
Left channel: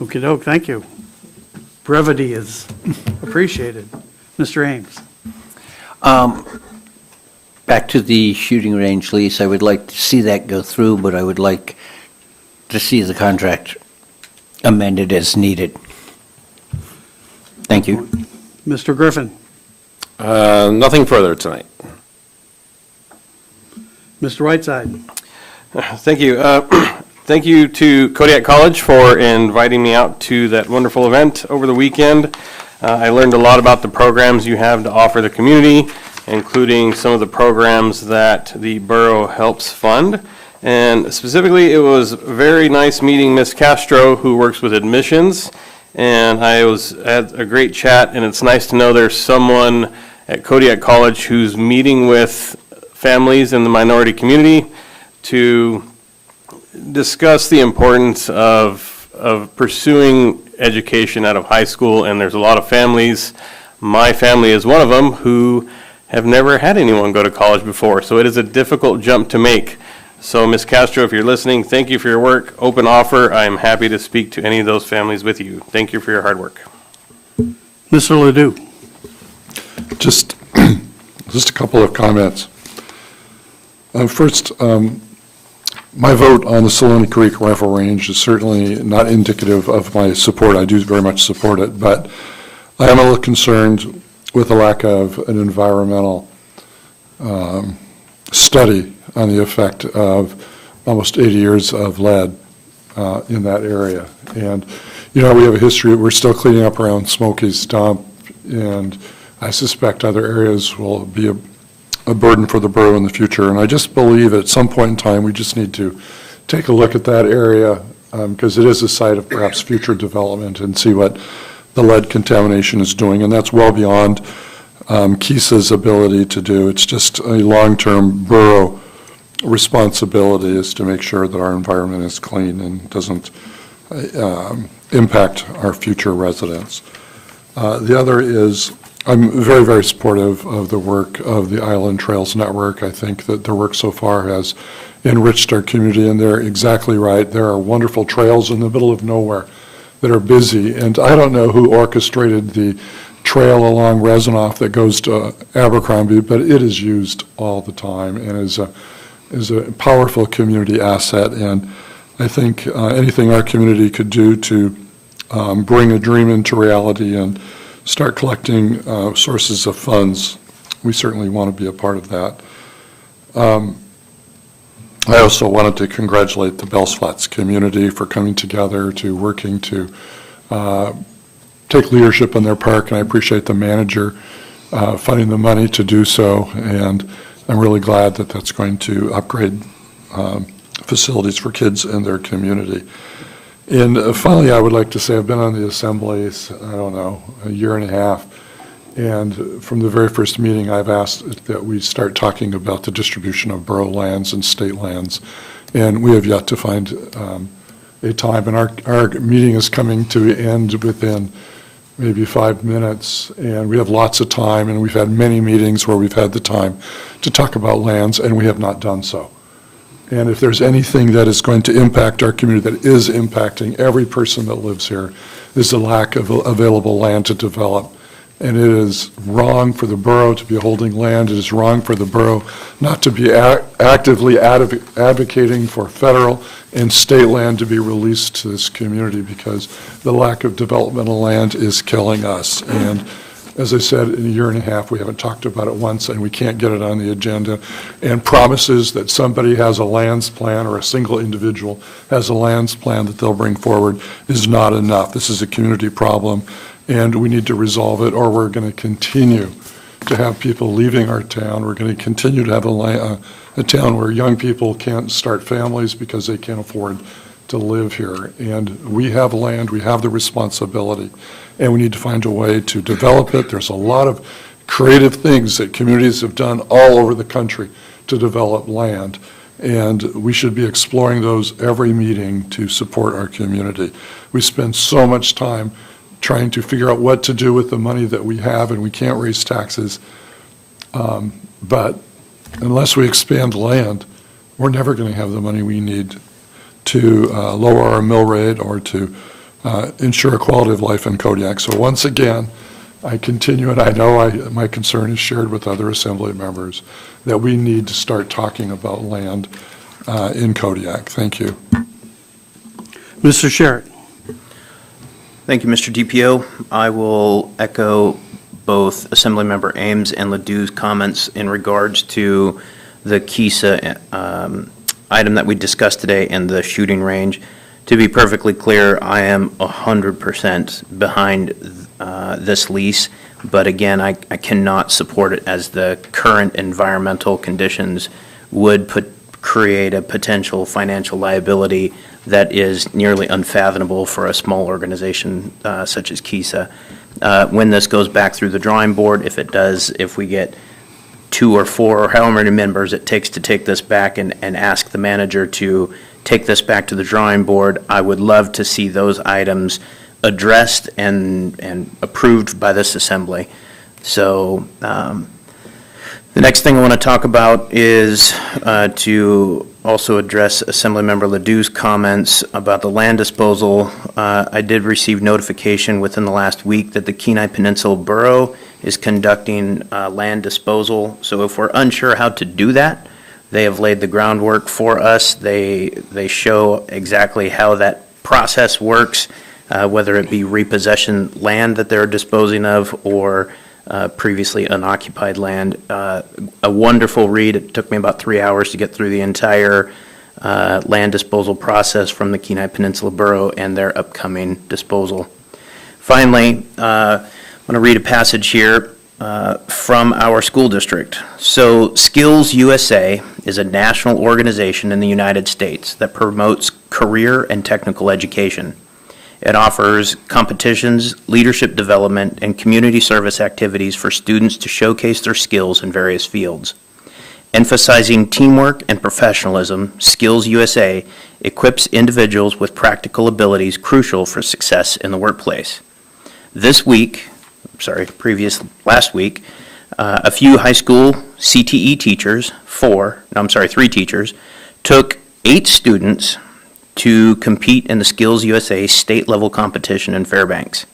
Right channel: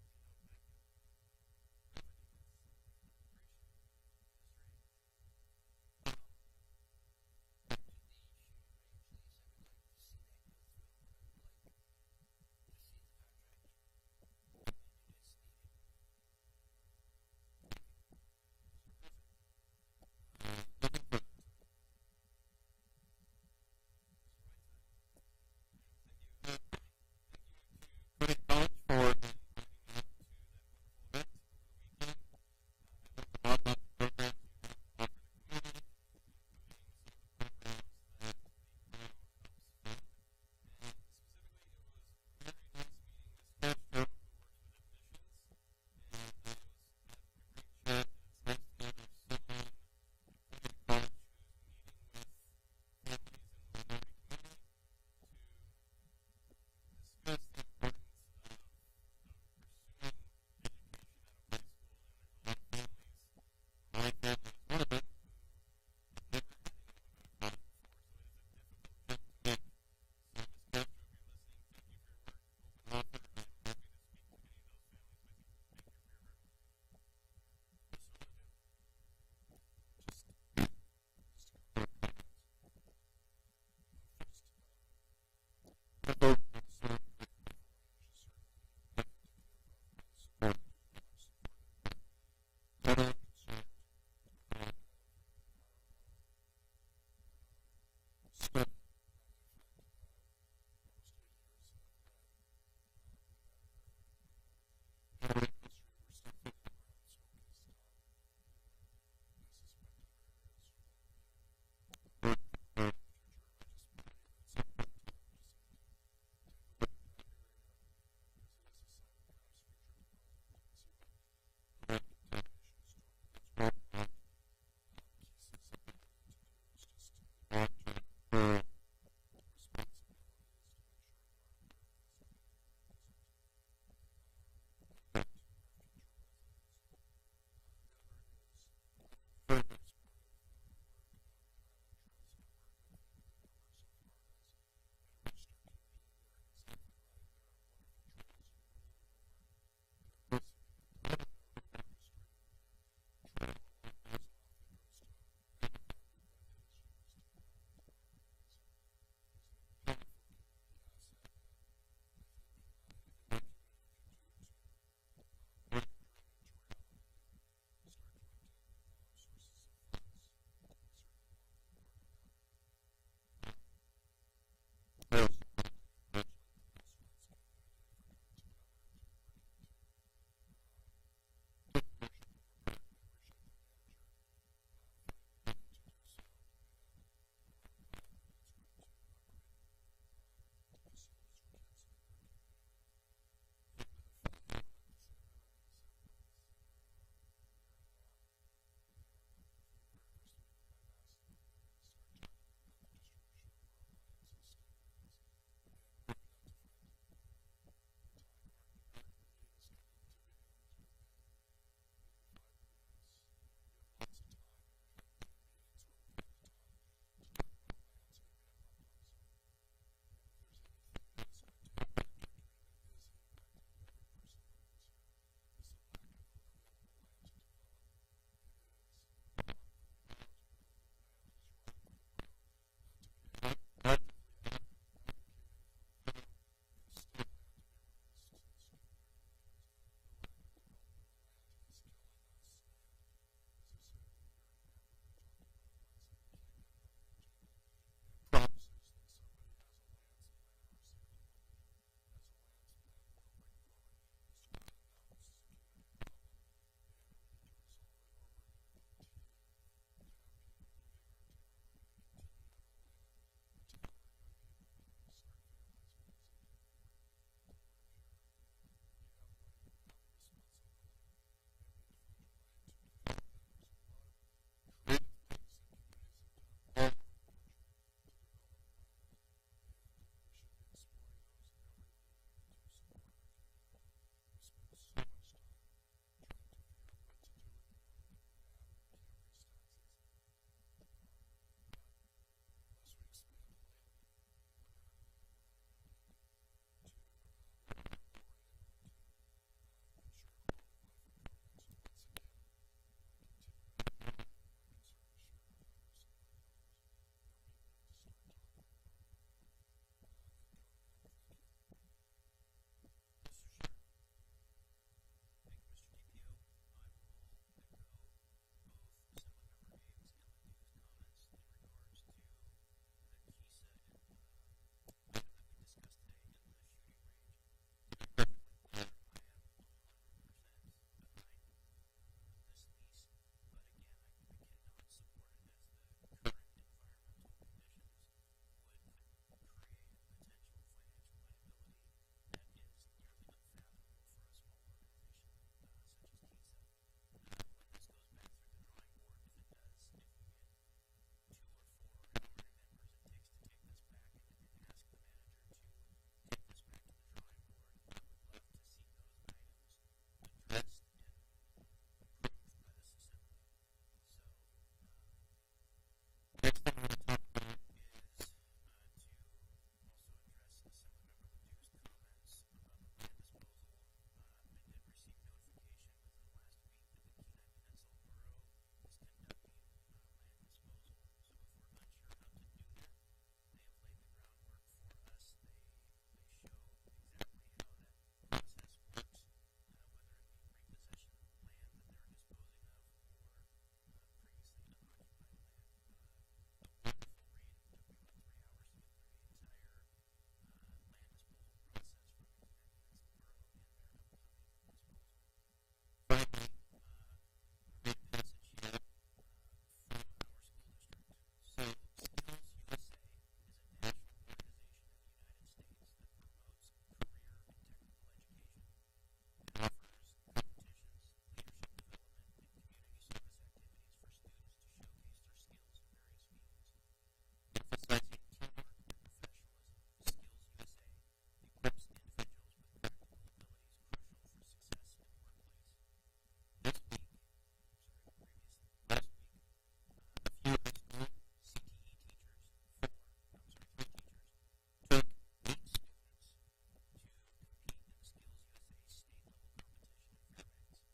Okey-doke, thank you. Brevity is appreciated. Mr. Ames. Back to the shooting range lease, I would like to see that go through, but I would like to see the contract amended as needed. Thank you. Mr. Griffin. Nothing further tonight. Mr. Whiteside. Thank you. Thank you to Kodiak College for inviting me out to that wonderful event over the weekend. I learned a lot about the programs you have to offer the community, including some of the programs that the borough helps fund. And specifically, it was very nice meeting Ms. Castro, who works with admissions. And I had a great chat, and it's nice to know there's someone at Kodiak College who's meeting with families in the minority community to discuss the importance of pursuing education out of high school, and there's a lot of families, my family is one of them, who have never had anyone go to college before, so it is a difficult jump to make. So, Ms. Castro, if you're listening, thank you for your work. Open offer. I am happy to speak to any of those families with you. Thank you for your hard work. Mr. Ledoux. Just a couple of comments. First, my vote on the Saloni Creek Rifle Range is certainly not indicative of my support. I do very much support it, but I am a little concerned with the lack of an environmental study on the effect of almost 80 years of lead in that area. And, we have a history, we're still cleaning up around Smokey's dump, and I suspect other areas will be a burden for the borough in the future. And I just believe at some point in time, we just need to take a look at that area because it is a site of perhaps future development and see what the lead contamination is doing. And that's well beyond KISA's ability to do. It's just a long-term borough responsibility is to make sure that our environment is clean and doesn't impact our future residents. The other is I'm very, very supportive of the work of the Island Trails Network. I think that their work so far has enriched our community, and they're exactly right. There are wonderful trails in the middle of nowhere that are busy, and I don't know who orchestrated the trail along Rezanoff that goes to Abercrombie, but it is used all the time and is a powerful community asset. And I think anything our community could do to bring a dream into reality and start collecting sources of funds, we certainly want to be a part of that. I also wanted to congratulate the Bells Flats community for coming together to working to take leadership in their park, and I appreciate the manager finding the money to do so, and I'm really glad that that's going to upgrade facilities for kids in their community. And finally, I would like to say I've been on the assemblies, I don't know, a year and a half, and from the very first meeting, I've asked that we start talking about the distribution of borough lands and state lands, and we have yet to find a time, and our meeting is coming to end within maybe 5 minutes, and we have lots of time, and we've had many meetings where we've had the time to talk about lands, and we have not done so. And if there's anything that is going to impact our community, that is impacting every person that lives here, is the lack of available land to develop. And it is wrong for the borough to be holding land. It is wrong for the borough not to be actively advocating for federal and state land to be released to this community, because the lack of developmental land is killing us. And as I said, in a year and a half, we haven't talked about it once, and we can't get it on the agenda. And promises that somebody has a lands plan or a single individual has a lands plan that they'll bring forward is not enough. This is a community problem, and we need to resolve it, or we're going to continue to have people leaving our town. We're going to continue to have a town where young people can't start families because they can't afford to live here. And we have land, we have the responsibility, and we need to find a way to develop it. There's a lot of creative things that communities have done all over the country to develop land, and we should be exploring those every meeting to support our community. We spend so much time trying to figure out what to do with the money that we have, and we can't raise taxes. But unless we expand land, we're never going to have the money we need to lower our mill rate or to ensure a quality of life in Kodiak. So once again, I continue, and I know my concern is shared with other assembly members, that we need to start talking about land in Kodiak. Thank you. Mr. Sherritt. Thank you, Mr. DPO. I will echo both Assemblymember Ames and Ledoux's comments in regards to the KISA item that we discussed today and the shooting range. To be perfectly clear, I am 100% behind this lease, but again, I cannot support it as the current environmental conditions would create a potential financial liability that is nearly unfathomable for a small organization such as KISA. When this goes back through the drawing board, if it does, if we get 2 or 4 or however many members it takes to take this back and ask the manager to take this back to the drawing board, I would love to see those items addressed and approved by this assembly. So the next thing I want to talk about is to also address Assemblymember Ledoux's comments about the land disposal. I did receive notification within the last week that the Kenai Peninsula Borough is conducting land disposal. So if we're unsure how to do that, they have laid the groundwork for us. They show exactly how that process works, whether it be repossession land that they're disposing of or previously unoccupied land. A wonderful read. It took me about 3 hours to get through the entire land disposal process from the Kenai Peninsula Borough and their upcoming disposal. Finally, I'm going to read a passage here from our school district. So Skills USA is a national organization in the United States that promotes career and technical education. It offers competitions, leadership development, and community service activities for students to showcase their skills in various fields. Emphasizing teamwork and professionalism, Skills USA equips individuals with practical abilities crucial for success in the workplace. Last week, a few high school CTE teachers, 3 teachers, took 8 students to compete in the Skills USA state-level competition in Fairbanks.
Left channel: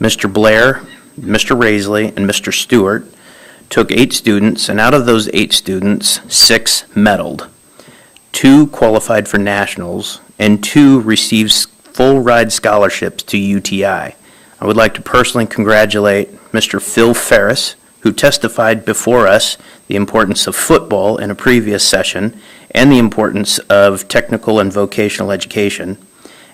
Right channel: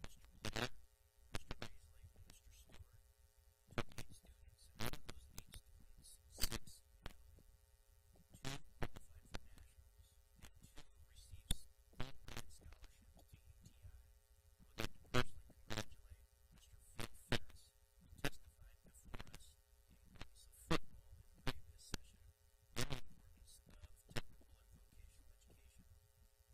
Mr. Blair, Mr. Raisley, and Mr. Stewart took 8 students, and out of those 8 students, 6 medaled. 2 qualified for nationals, and 2 received full-ride scholarships to UTI. I would like to personally congratulate Mr. Phil Ferris, who testified before us the importance of football in a previous session and the importance of technical and vocational education.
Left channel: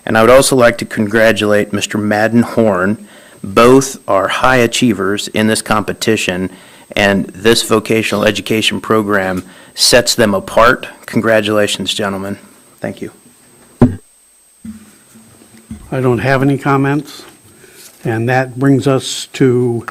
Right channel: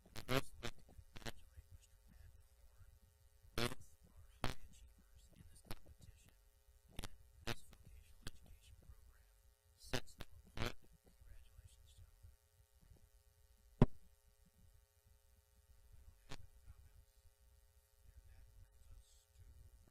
And I would also like to congratulate Mr. Madden Horn. Both are high achievers in this competition, and this vocational education program sets them apart. Congratulations, gentlemen. Thank you. I don't have any comments. And that brings us to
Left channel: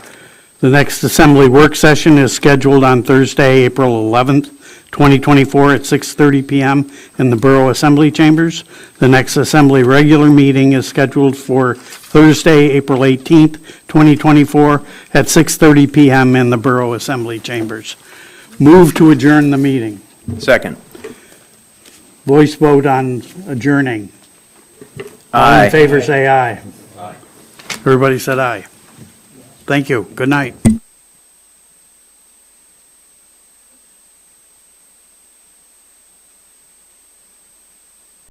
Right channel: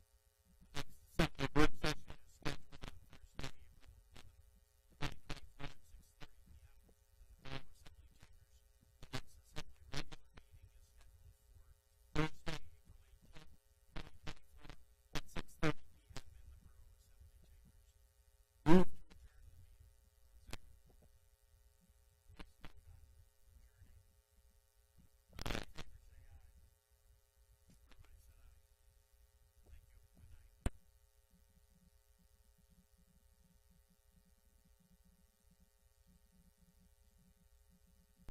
the next Assembly work session is scheduled on Thursday, April 11th, 2024 at 6:30 PM in the Borough Assembly Chambers. The next Assembly regular meeting is scheduled for Thursday, April 18th, 2024 at 6:30 PM in the Borough Assembly Chambers. Move to adjourn the meeting. Second. Voice vote on adjourning. All Aye. in favor, say aye. Everybody said aye. Thank you. Good night.